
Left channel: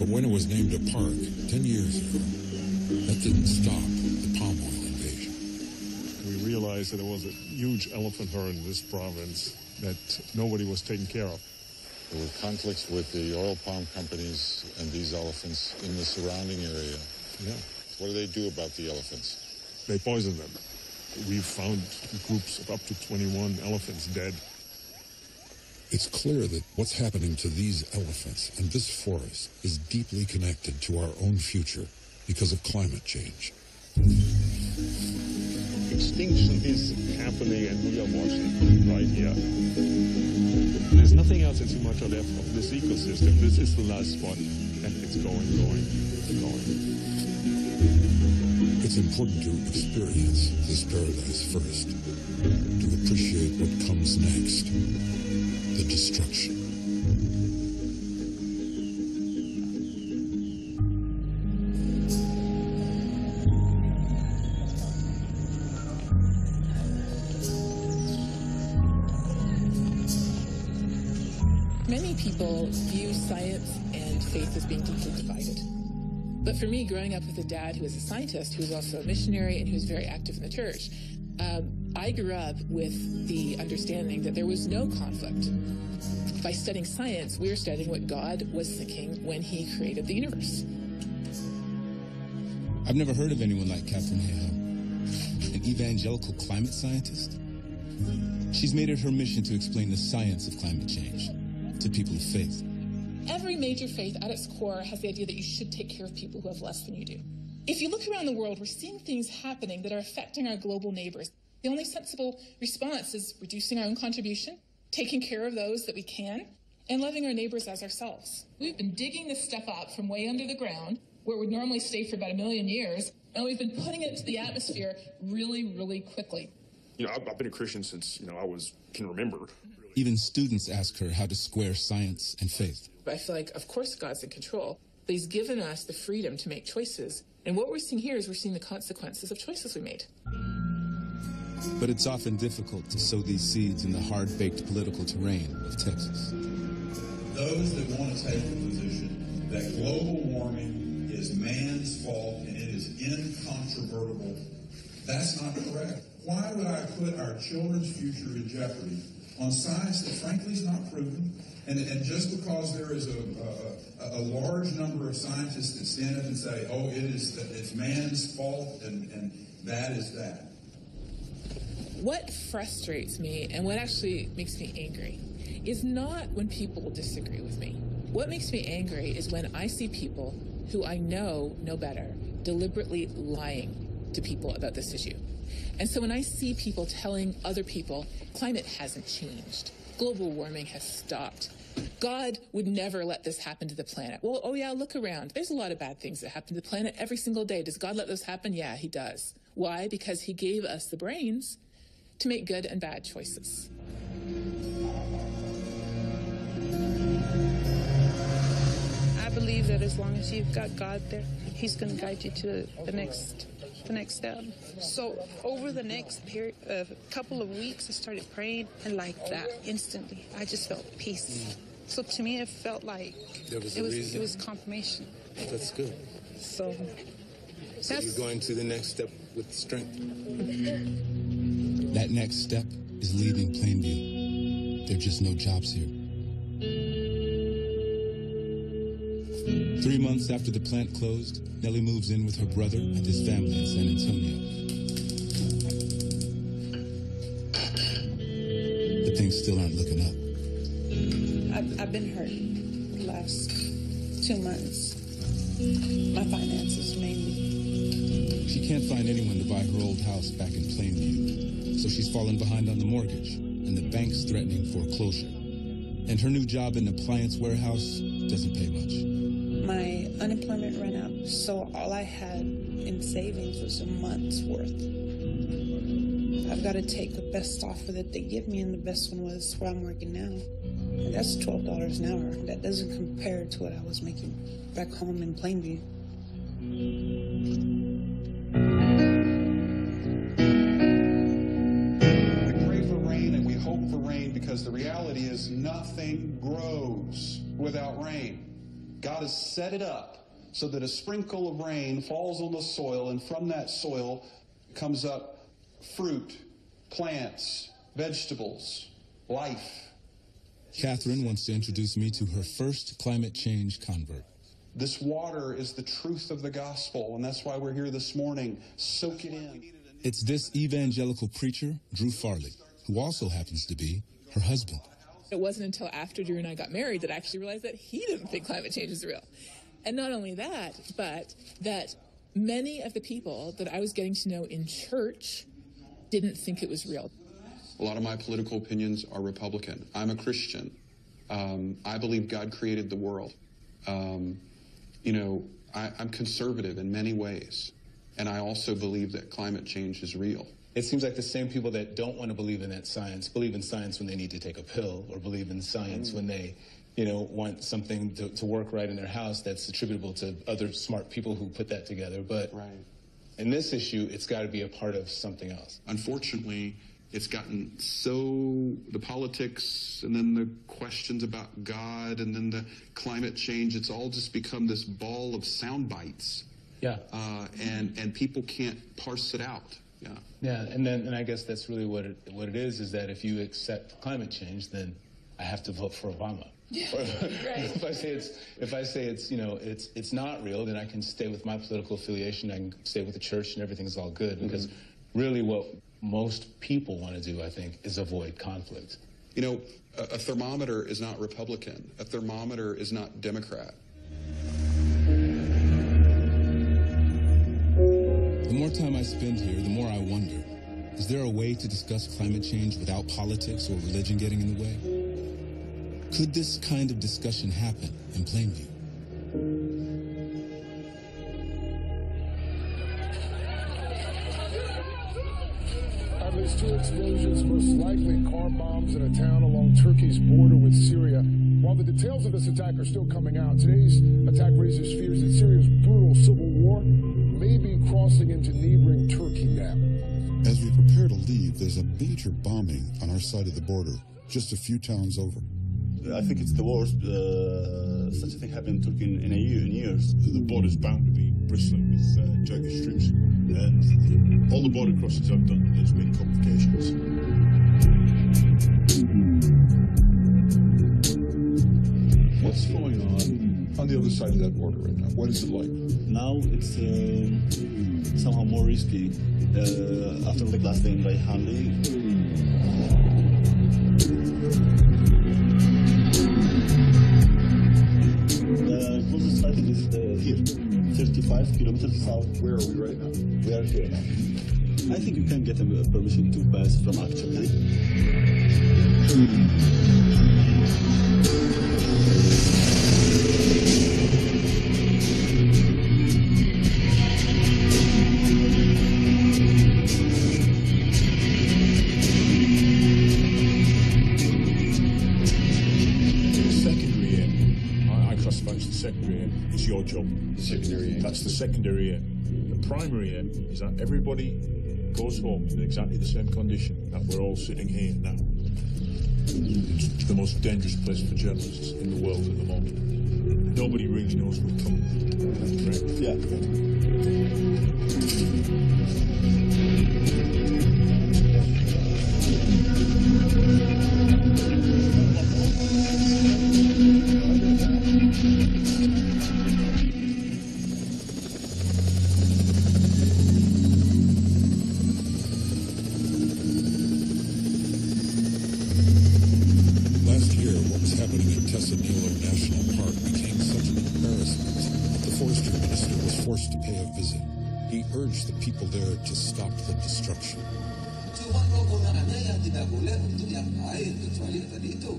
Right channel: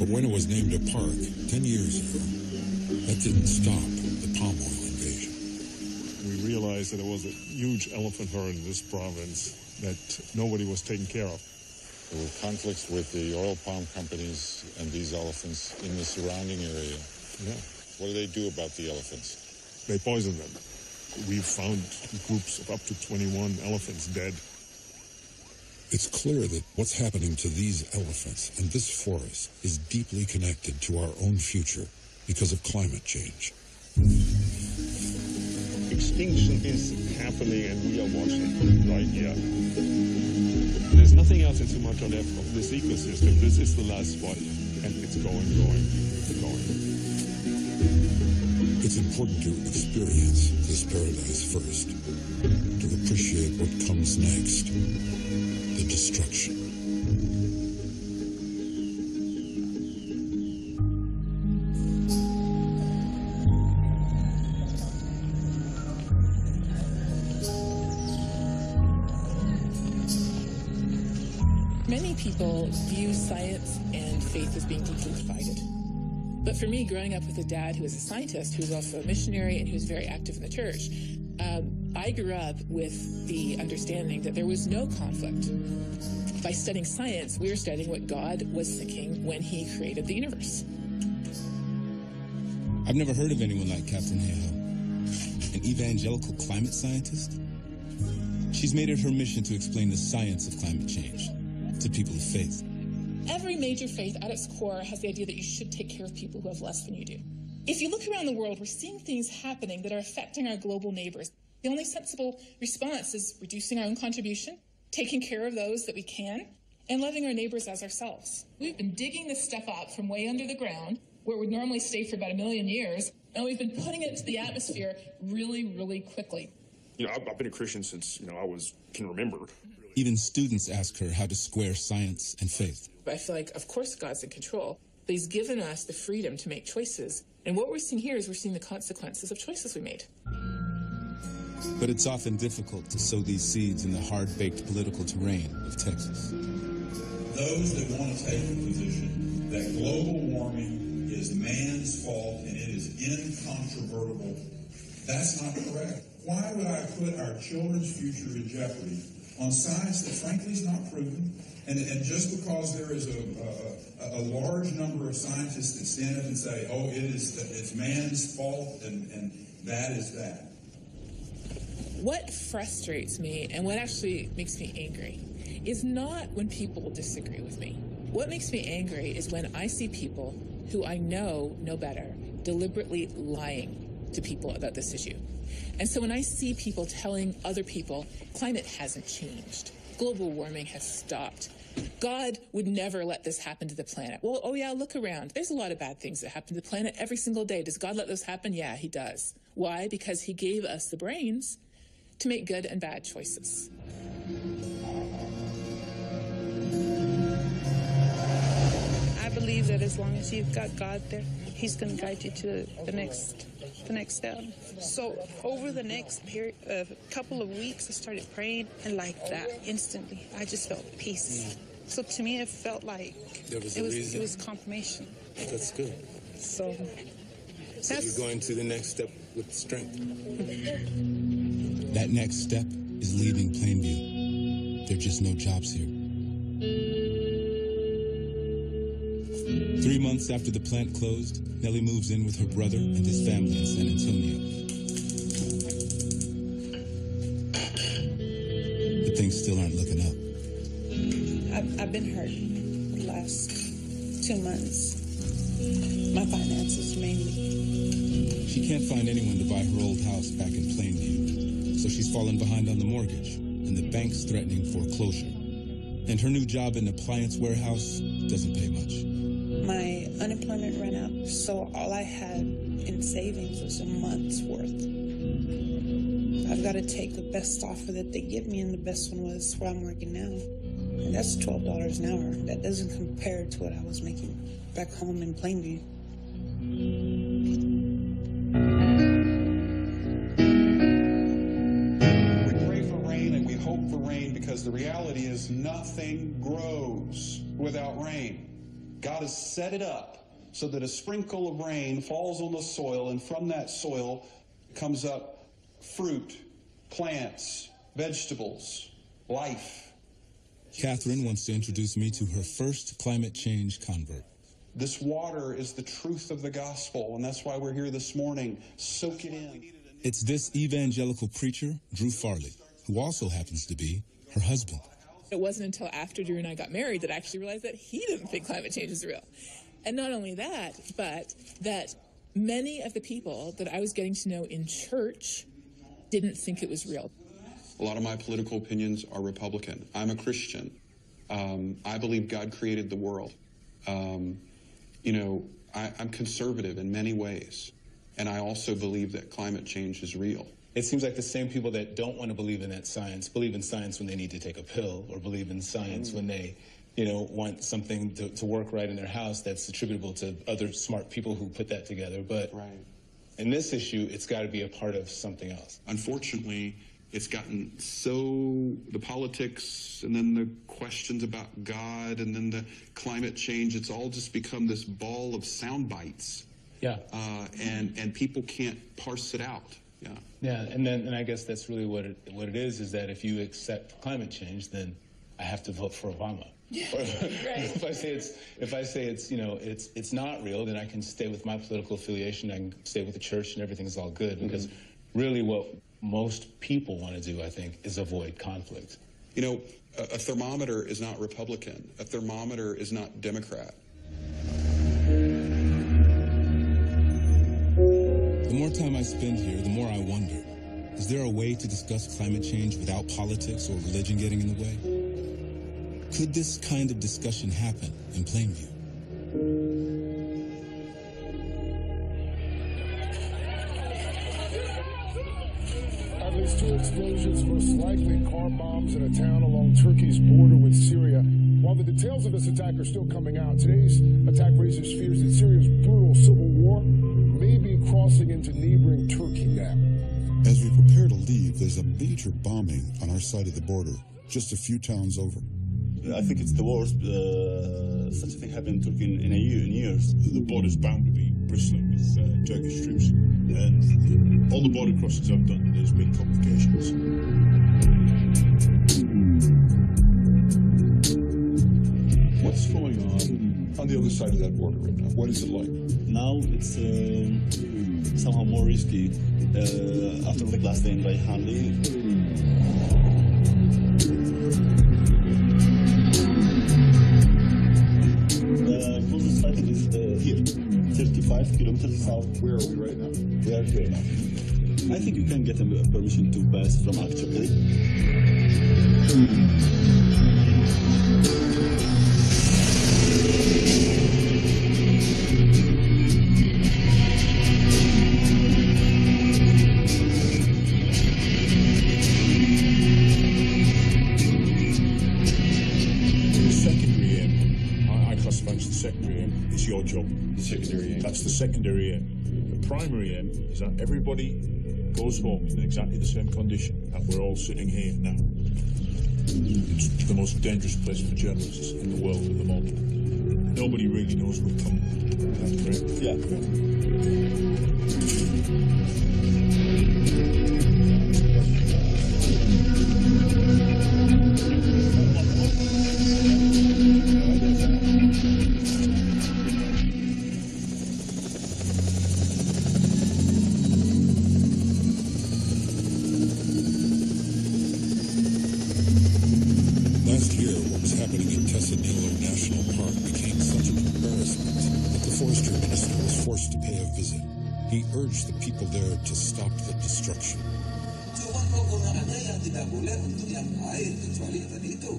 But when it was named a park 10 years ago, that didn't stop the palm oil invasion. We realized that there was a huge elephant herd in this province that nobody was taking care of. There were conflicts with the oil palm companies and these elephants in the surrounding area. Yeah. What do they do about the elephants? They poison them. We've found groups of up to 21 elephants dead. It's clear that what's happening to these elephants and this forest is deeply connected to our own future because of climate change. Extinction is happening and we are watching right here. There's nothing else in Sumatra left of this ecosystem. This is the last spot, and it's going. It's important to experience this paradise first, to appreciate what comes next, the destruction. Many people view science and faith as being deeply divided. But for me, growing up with a dad who was a scientist, who was also a missionary, and who was very active in the church, I grew up with the understanding that there was no conflict. By studying science, we were studying what God was thinking when he created the universe. I've never heard of anyone like Katharine Hayhoe, an evangelical climate scientist. She's made it her mission to explain the science of climate change to people of faith. Every major faith at its core has the idea that you should take care of people who have less than you do. If you look around the world, we're seeing things happening that are affecting our global neighbors. The only sensible response is reducing our own contribution, taking care of those that we can, and loving our neighbors as ourselves. We've been digging this stuff up from way under the ground, where it would normally stay for about 1 million years, and we've been putting it into the atmosphere really, really quickly. You know, I've been a Christian since, I can remember. Even students ask her how to square science and faith. I feel like, of course, God's in control, but he's given us the freedom to make choices. And what we're seeing here is we're seeing the consequences of choices we made. But it's often difficult to sow these seeds in the hard-baked political terrain of Texas. Those that want to take the position that global warming is man's fault and it is incontrovertible, that's not correct. Why would I put our children's future in jeopardy on science that frankly is not proven? And just because there is a large number of scientists that stand up and say, oh, it's man's fault and that is that. What frustrates me and what actually makes me angry is not when people disagree with me. What makes me angry is when I see people who I know better deliberately lying to people about this issue. And so when I see people telling other people, climate hasn't changed, global warming has stopped, God would never let this happen to the planet. Well, oh yeah, look around. There's a lot of bad things that happen to the planet every single day. Does God let those happen? Yeah, he does. Why? Because he gave us the brains to make good and bad choices. I believe that as long as you've got God there, he's going to guide you to the next step. So over the next couple of weeks, I started praying, and like that, instantly, I just felt peace. So to me, it felt like it was confirmation. That's good. So you're going to the next step with strength. That next step is leaving Plainview. There are just no jobs here. 3 months after the plant closed, Nellie moves in with her brother and his family in San Antonio. But things still aren't looking up. I've been hurt the last 2 months. My finances mainly. She can't find anyone to buy her old house back in Plainview, so she's fallen behind on the mortgage, and the bank's threatening foreclosure. And her new job in an appliance warehouse doesn't pay much. My unemployment ran out, so all I had in savings was a month's worth. I've got to take the best offer that they give me, and the best one was where I'm working now. And that's $12 an hour. That doesn't compare to what I was making back home in Plainview. We pray for rain and we hope for rain because the reality is nothing grows without rain. God has set it up so that a sprinkle of rain falls on the soil, and from that soil comes up fruit, plants, vegetables, life. Katharine wants to introduce me to her first climate change convert. This water is the truth of the gospel, and that's why we're here this morning. Soak it in. It's this evangelical preacher, Drew Farley, who also happens to be her husband. It wasn't until after Drew and I got married that I actually realized that he didn't think climate change is real. And not only that, but that many of the people that I was getting to know in church didn't think it was real. A lot of my political opinions are Republican. I'm a Christian. I believe God created the world. I'm conservative in many ways. And I also believe that climate change is real. It seems like the same people that don't want to believe in that science believe in science when they need to take a pill, or believe in science when they, want something to work right in their house that's attributable to other smart people who put that together. But in this issue, it's got to be a part of something else. Unfortunately, It's gotten so, the politics and then the questions about God and then the climate change, it's all just become this ball of sound bites. Yeah. And people can't parse it out. Yeah. Yeah, and I guess that's really what it is that if you accept climate change, then I have to vote for Obama. Yeah. Right. If I say it's you know it's not real, then I can stay with my political affiliation. I can stay with the church, and everything's all good. Because really, what most people want to do, I think, is avoid conflict. You know, a thermometer is not Republican. A thermometer is not Democrat. The more time I spend here, the more I wonder, is there a way to discuss climate change without politics or religion getting in the way? Could this kind of discussion happen in Plainview? At least 2 explosions, most likely car bombs in a town along Turkey's border with Syria. While the details of this attack are still coming out, today's attack raises fears that Syria's brutal civil war may be crossing into neighboring Turkey now. As we prepare to leave, there's a major bombing on our side of the border, just a few towns over. I think it's the worst such a thing happened in Turkey in years. The border's bound to be bristling with Turkish troops, and all the border crossings I've done, there's been complications. What's going on the other side of that border right now? What is it like? Now it's somehow more risky. After the last day in Rayhanli, the closest fighting is here, 35 kilometers south. Where are we right now? We are here now. I think you can get a permission to pass from Akçakale. Secondary aim, I classify it as the secondary aim. It's your job. The secondary aim. That's the secondary aim. The primary aim is that everybody goes home in exactly the same condition that we're all sitting here now. It's the most dangerous place for journalists in the world at the moment. Nobody really knows we're coming. That's correct? Yeah. Last year, what was happening in Tessanilo National Park became such an embarrassment that the forestry minister was forced to pay a visit. He urged the people there to stop the destruction. Cuma penggunaannya yang tidak boleh untuk yang lain kecuali tadi itu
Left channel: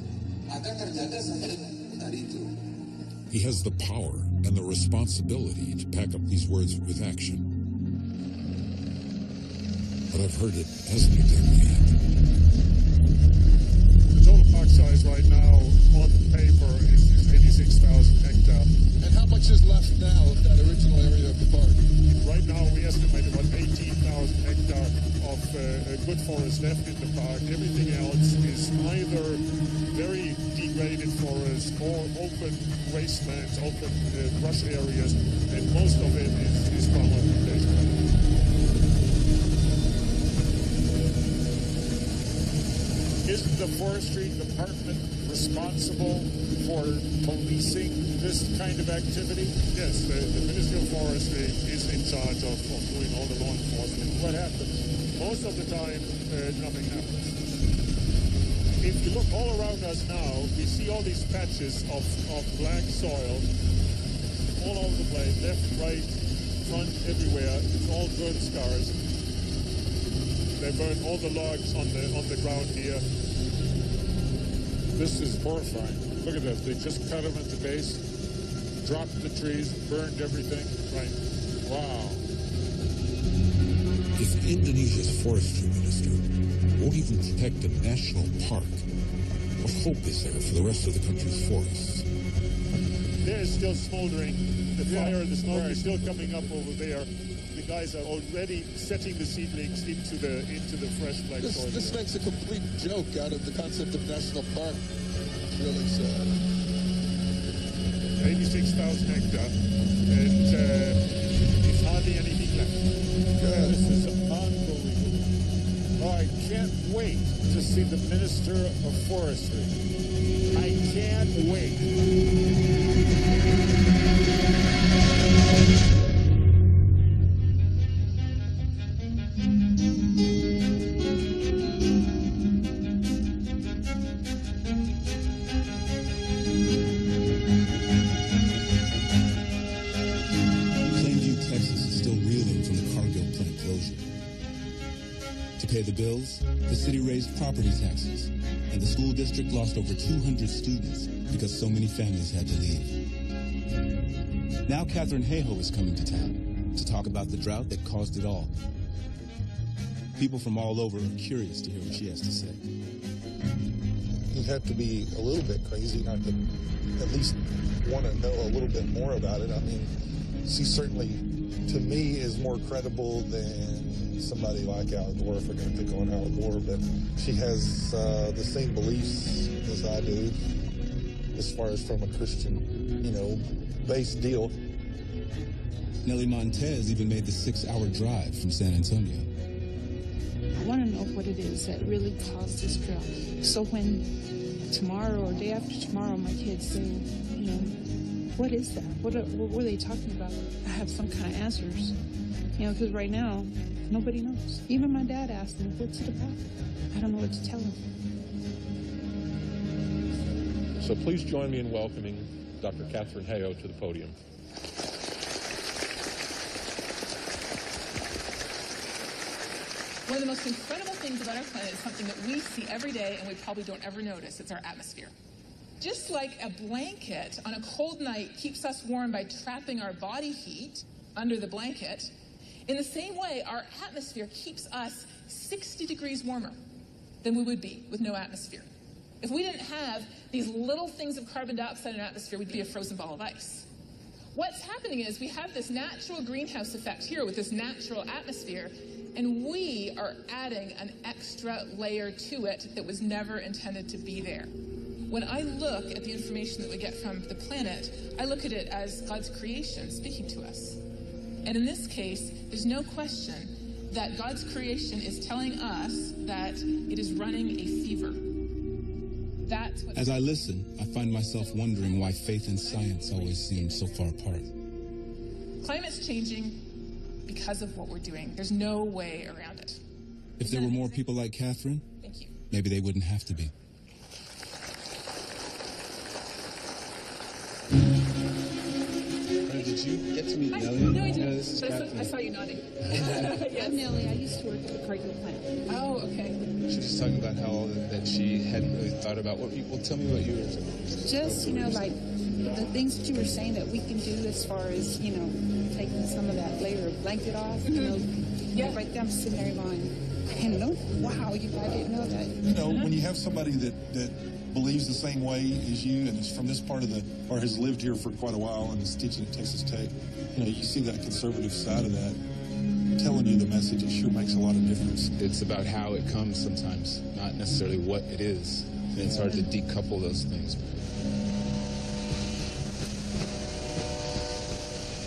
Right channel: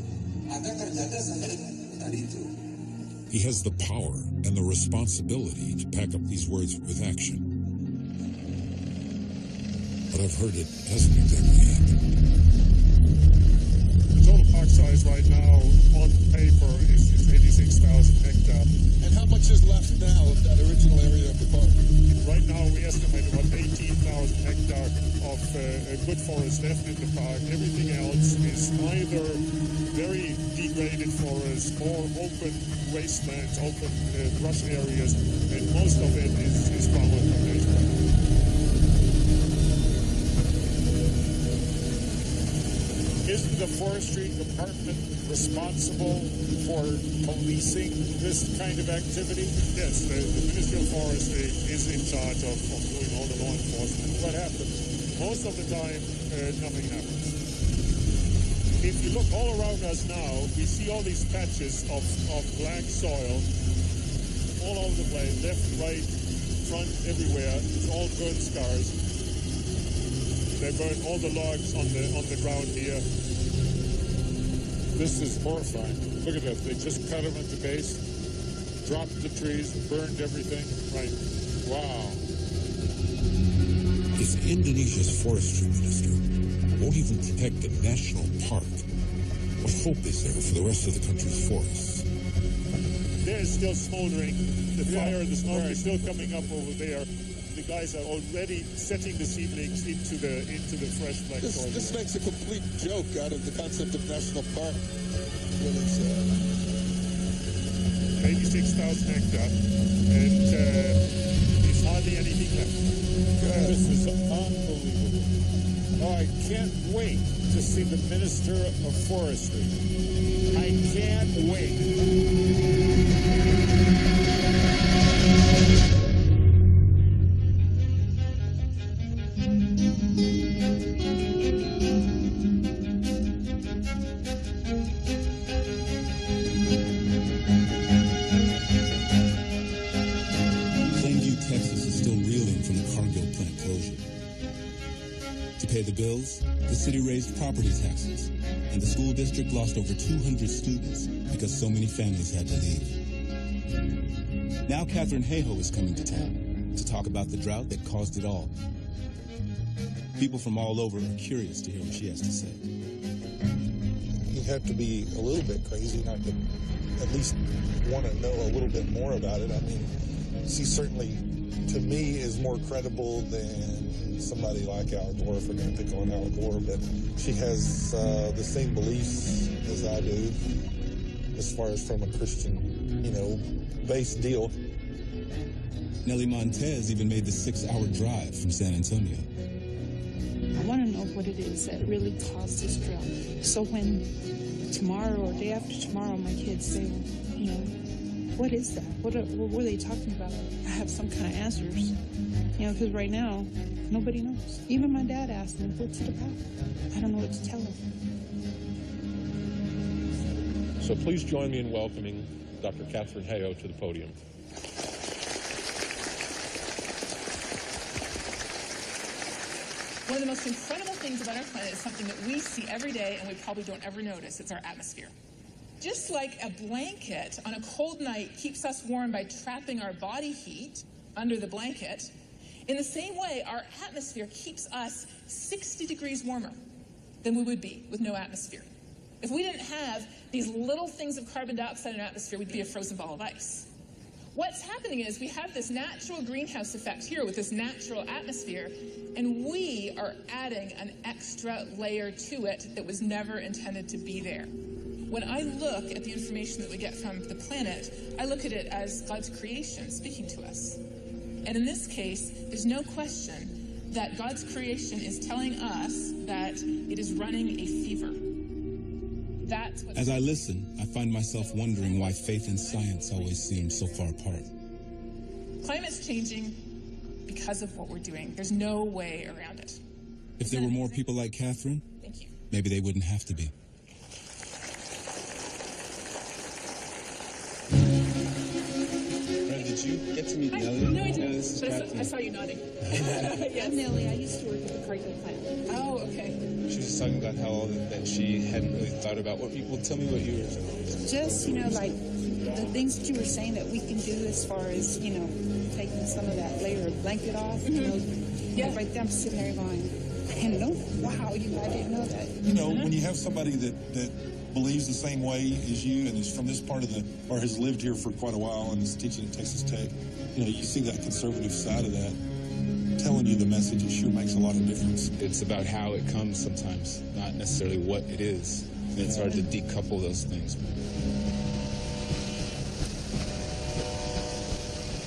agar terjaga sampai tadi itu. He has the power and the responsibility to back up these words with action. But I've heard it hasn't exactly happened. The total park size right now on paper is 86,000 hectares. And how much is left now of that original area of the park? Right now we estimate about 18,000 hectares of good forest left in the park. Everything else is either very degraded forests or open wastelands, open brush areas, and most of it is palm oil plantation right now. Isn't the forestry department responsible for policing this kind of activity? Yes, the Ministry of Forestry is in charge of doing all the law enforcement. What happens? Most of the time, nothing happens. If you look all around us now, we see all these patches of black soil all over the place, left, right, front, everywhere. It's all burn scars. They burn all the logs on the ground here. This is horrifying. Look at that. They just cut them at the base, dropped the trees, burned everything. Right. Wow. If Indonesia's forestry minister won't even protect a national park, what hope is there for the rest of the country's forests? There is still smoldering. The fire, the smoke is still coming up over there. The guys are already setting the seedlings into the fresh black soil. This makes a complete joke out of the concept of national park. It's really sad. 86,000 hectares, and it's hardly anything left. God. This is unbelievable. Oh, I can't wait to see the Minister of Forestry. I can't wait. Plainview, Texas is still reeling from the Cargill plant closure. To pay the bills, the city raised property taxes, and the school district lost over 200 students because so many families had to leave. Now Catherine Hayhoe is coming to town to talk about the drought that caused it all. People from all over are curious to hear what she has to say. You'd have to be a little bit crazy not to at least want to know a little bit more about it. I mean, she certainly, to me, is more credible than somebody like Al Gore, if we're going to pick on Al Gore, but she has the same beliefs as I do as far as from a Christian, based deal. Nelly Montez even made the 6-hour drive from San Antonio. I want to know what it is that really caused this drought. So when tomorrow or day after tomorrow my kids say, well, what is that? What were they talking about? I have some kind of answers, because right now, nobody knows. Even my dad asked me, what's it about? I don't know what to tell him. So please join me in welcoming Dr. Catherine Hayhoe to the podium. One of the most incredible things about our planet is something that we see every day and we probably don't ever notice. It's our atmosphere. Just like a blanket on a cold night keeps us warm by trapping our body heat under the blanket, in the same way, our atmosphere keeps us 60 degrees warmer than we would be with no atmosphere. If we didn't have these little things of carbon dioxide in our atmosphere, we'd be a frozen ball of ice. What's happening is we have this natural greenhouse effect here with this natural atmosphere, and we are adding an extra layer to it that was never intended to be there. When I look at the information that we get from the planet, I look at it as God's creation speaking to us. And in this case, there's no question that God's creation is telling us that it is running a fever. That's what. As I listen, I find myself wondering why faith and science always seem so far apart. Climate's changing because of what we're doing. There's no way around it. If there were more people like Catherine, thank you. Maybe they wouldn't have to be. Did you get to meet Nelly? No, I didn't. This is But Catherine. I saw you nodding. Yes. I'm Nellie. I used to work at the Cargill plant. Oh, okay. She was just talking about how all that she hadn't really thought about. Well, tell me what you were. Just, like the things that you were saying that we can do as far as, taking some of that layer of blanket off, Yeah. Right there, I'm sitting there going, wow, I didn't know that. When you have somebody that believes the same way as you and is from this part of or has lived here for quite a while and is teaching at Texas Tech, you see that conservative side of that telling you the message. It sure makes a lot of difference. It's about how it comes sometimes, not necessarily what it is. And it's hard to decouple those things.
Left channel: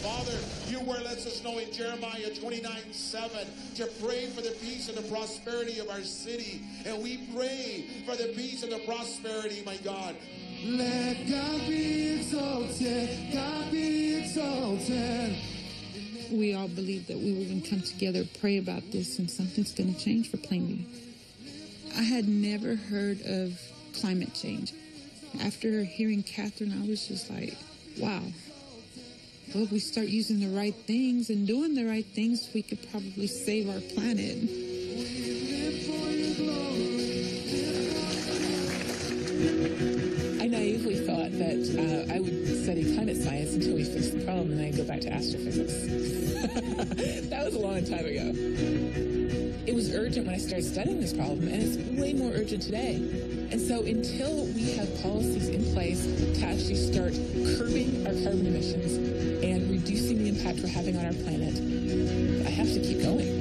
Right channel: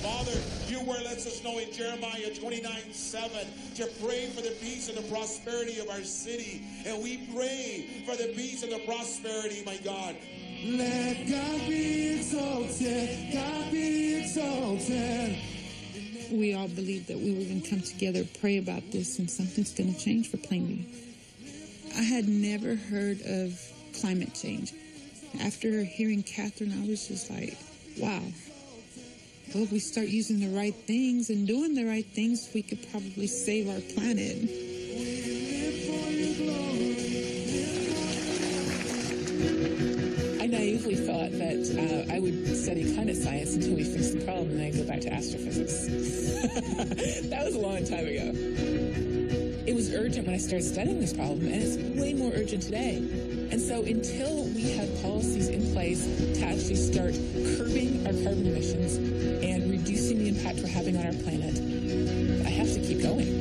Father, your word lets us know in Jeremiah 29:7 to pray for the peace and the prosperity of our city. And we pray for the peace and the prosperity, my God. Let God be exalted, God be exalted. We all believed that we were going to come together, pray about this, and something's going to change for Plainview. I had never heard of climate change. After hearing Catherine, I was just like, wow. Well, if we start using the right things and doing the right things, we could probably save our planet. We live for your glory, live for your glory. I naively thought that I would study climate science until we fixed the problem, and then I'd go back to astrophysics. That was a long time ago. It was urgent when I started studying this problem, and it's way more urgent today. And so until we have policies in place to actually start curbing our carbon emissions and reducing the impact we're having on our planet, I have to keep going.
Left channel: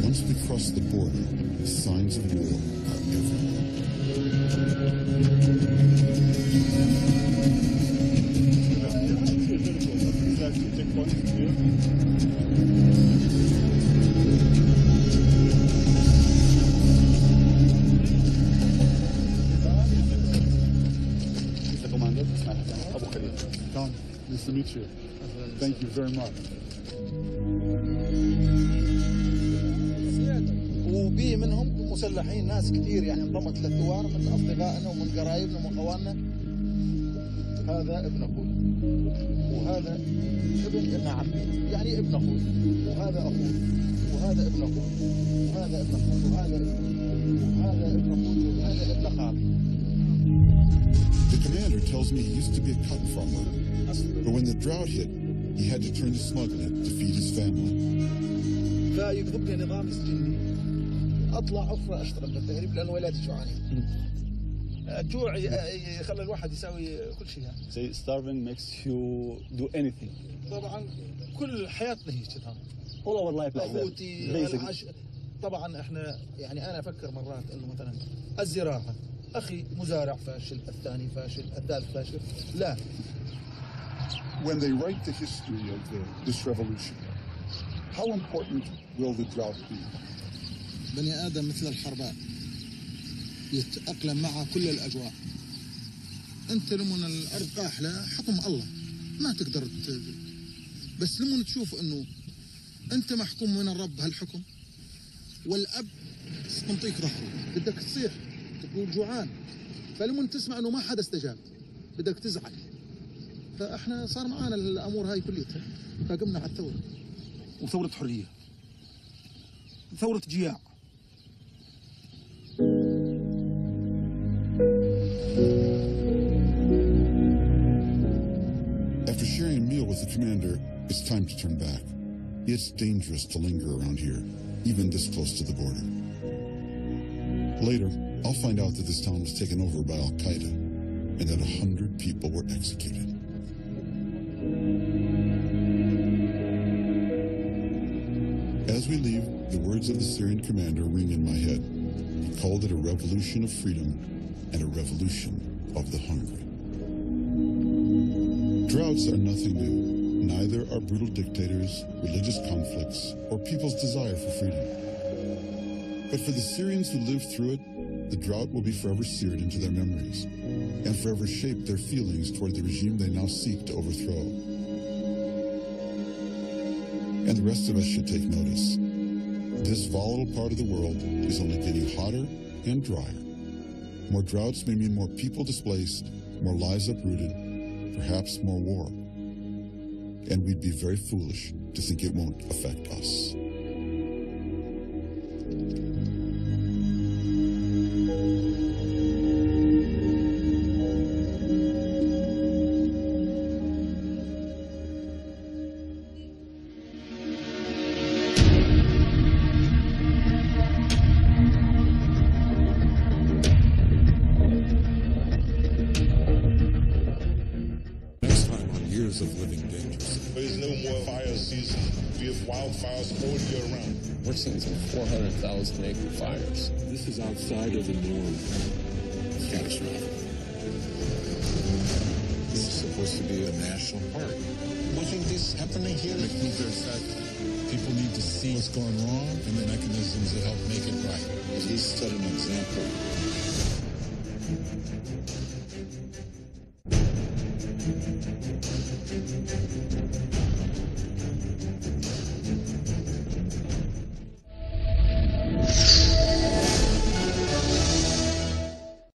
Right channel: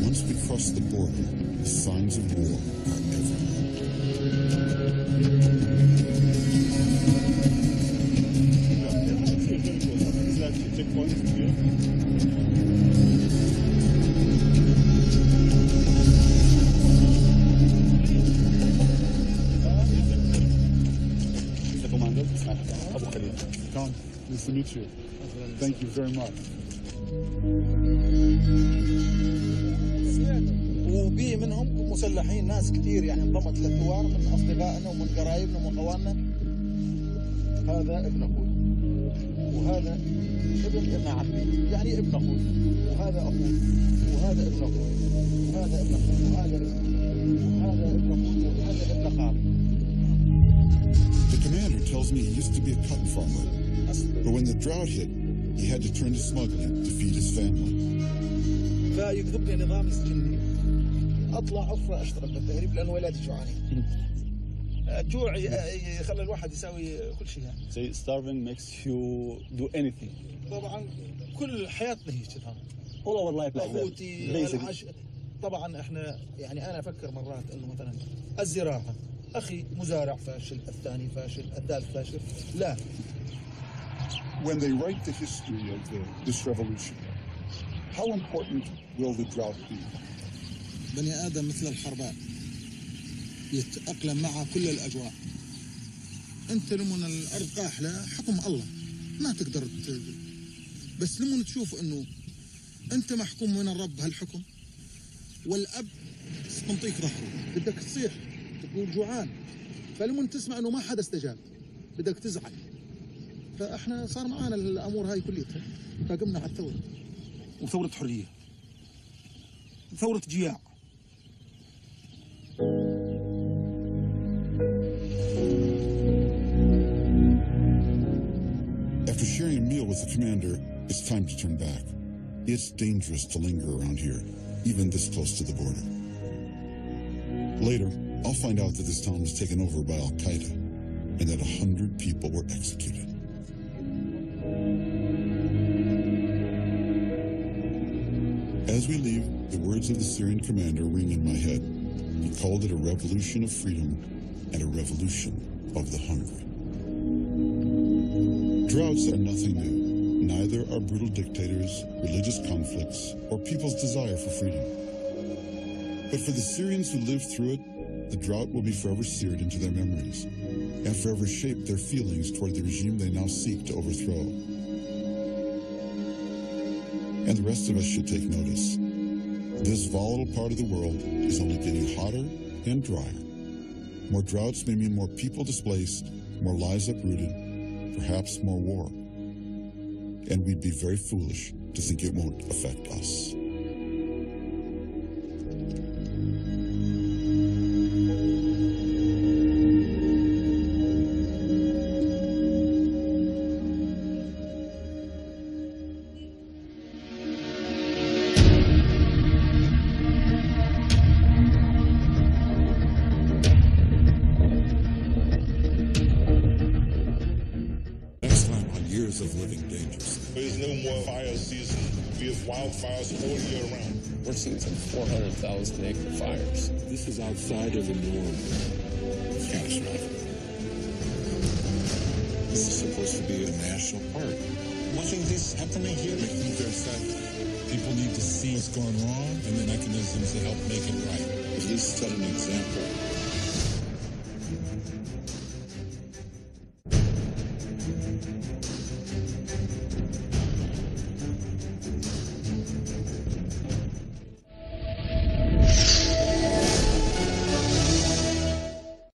Once we cross the border, the signs of war are everywhere. Very cool. What is that checkpoint here? He's the commander. Abu Khalil. Tom, nice to meet you. Thank you very much. وبي منهم مسلحين ناس كثير يعني انضمت للثوار من اصدقائنا ومن قرايبنا ومن اخواننا. هذا ابن اخوي وهذا ابن عمي يعني ابن اخوي وهذا اخوي وهذا ابن اخوي وهذا ابن اخوي وهذا ابني وهذا ابن اخوي وهذا ابن خالي. The commander tells me he used to be a cotton farmer, but when the drought hit, he had to turn to smuggling to feed his family. فيقضب لي نظام يسجنني اطلع اخرى اشتغل بالتهريب لانه ولادي جوعانين. الجوع يخلي الواحد يساوي كل شيء يعني. Say starving makes you do anything. طبعا كل حياتنا هي كذا. All our life like that. طبعا احنا يعني انا افكر مرات انه مثلا الزراعه اخي مزارع فاشل، الثاني فاشل، الثالث فاشل. لا. When they write the history of this revolution, how important will the drought be? بني آدم مثل الحرباء يتأقلم مع كل الأجواء. أنت لمن الأرض قاحلة حكم الله ما تقدر بس لمن تشوف إنه أنت محكوم من الرب هالحكم والأب منطيك ظهره بدك تصيح تقول جوعان فلمن تسمع إنه ما حدا استجاب بدك تزعل. فإحنا صار معانا الأمور هاي كليتها فقمنا على الثورة وثورة حرية ثورة جياع. After sharing a meal with the commander, it's time to turn back. It's dangerous to linger around here, even this close to the border. Later, I'll find out that this town was taken over by Al-Qaeda and that 100 people were executed. As we leave, the words of the Syrian commander ring in my head. He called it a revolution of freedom and a revolution of the hungry. Droughts are nothing new. Neither are brutal dictators, religious conflicts, or people's desire for freedom. But for the Syrians who lived through it, the drought will be forever seared into their memories and forever shape their feelings toward the regime they now seek to overthrow. And the rest of us should take notice. This volatile part of the world is only getting hotter and drier. More droughts may mean more people displaced, more lives uprooted, perhaps more war. And we'd be very foolish to think it won't affect us. Next time on Years of Living Dangerously. There is no more fire season. We have wildfires all year round. We're seeing some 400,000 acre fires. This is outside of the norm. It's catastrophic. This is supposed to be a national park. Watching this happening here makes me very sad. People need to see what's going wrong and the mechanisms that help make it right. At least set an example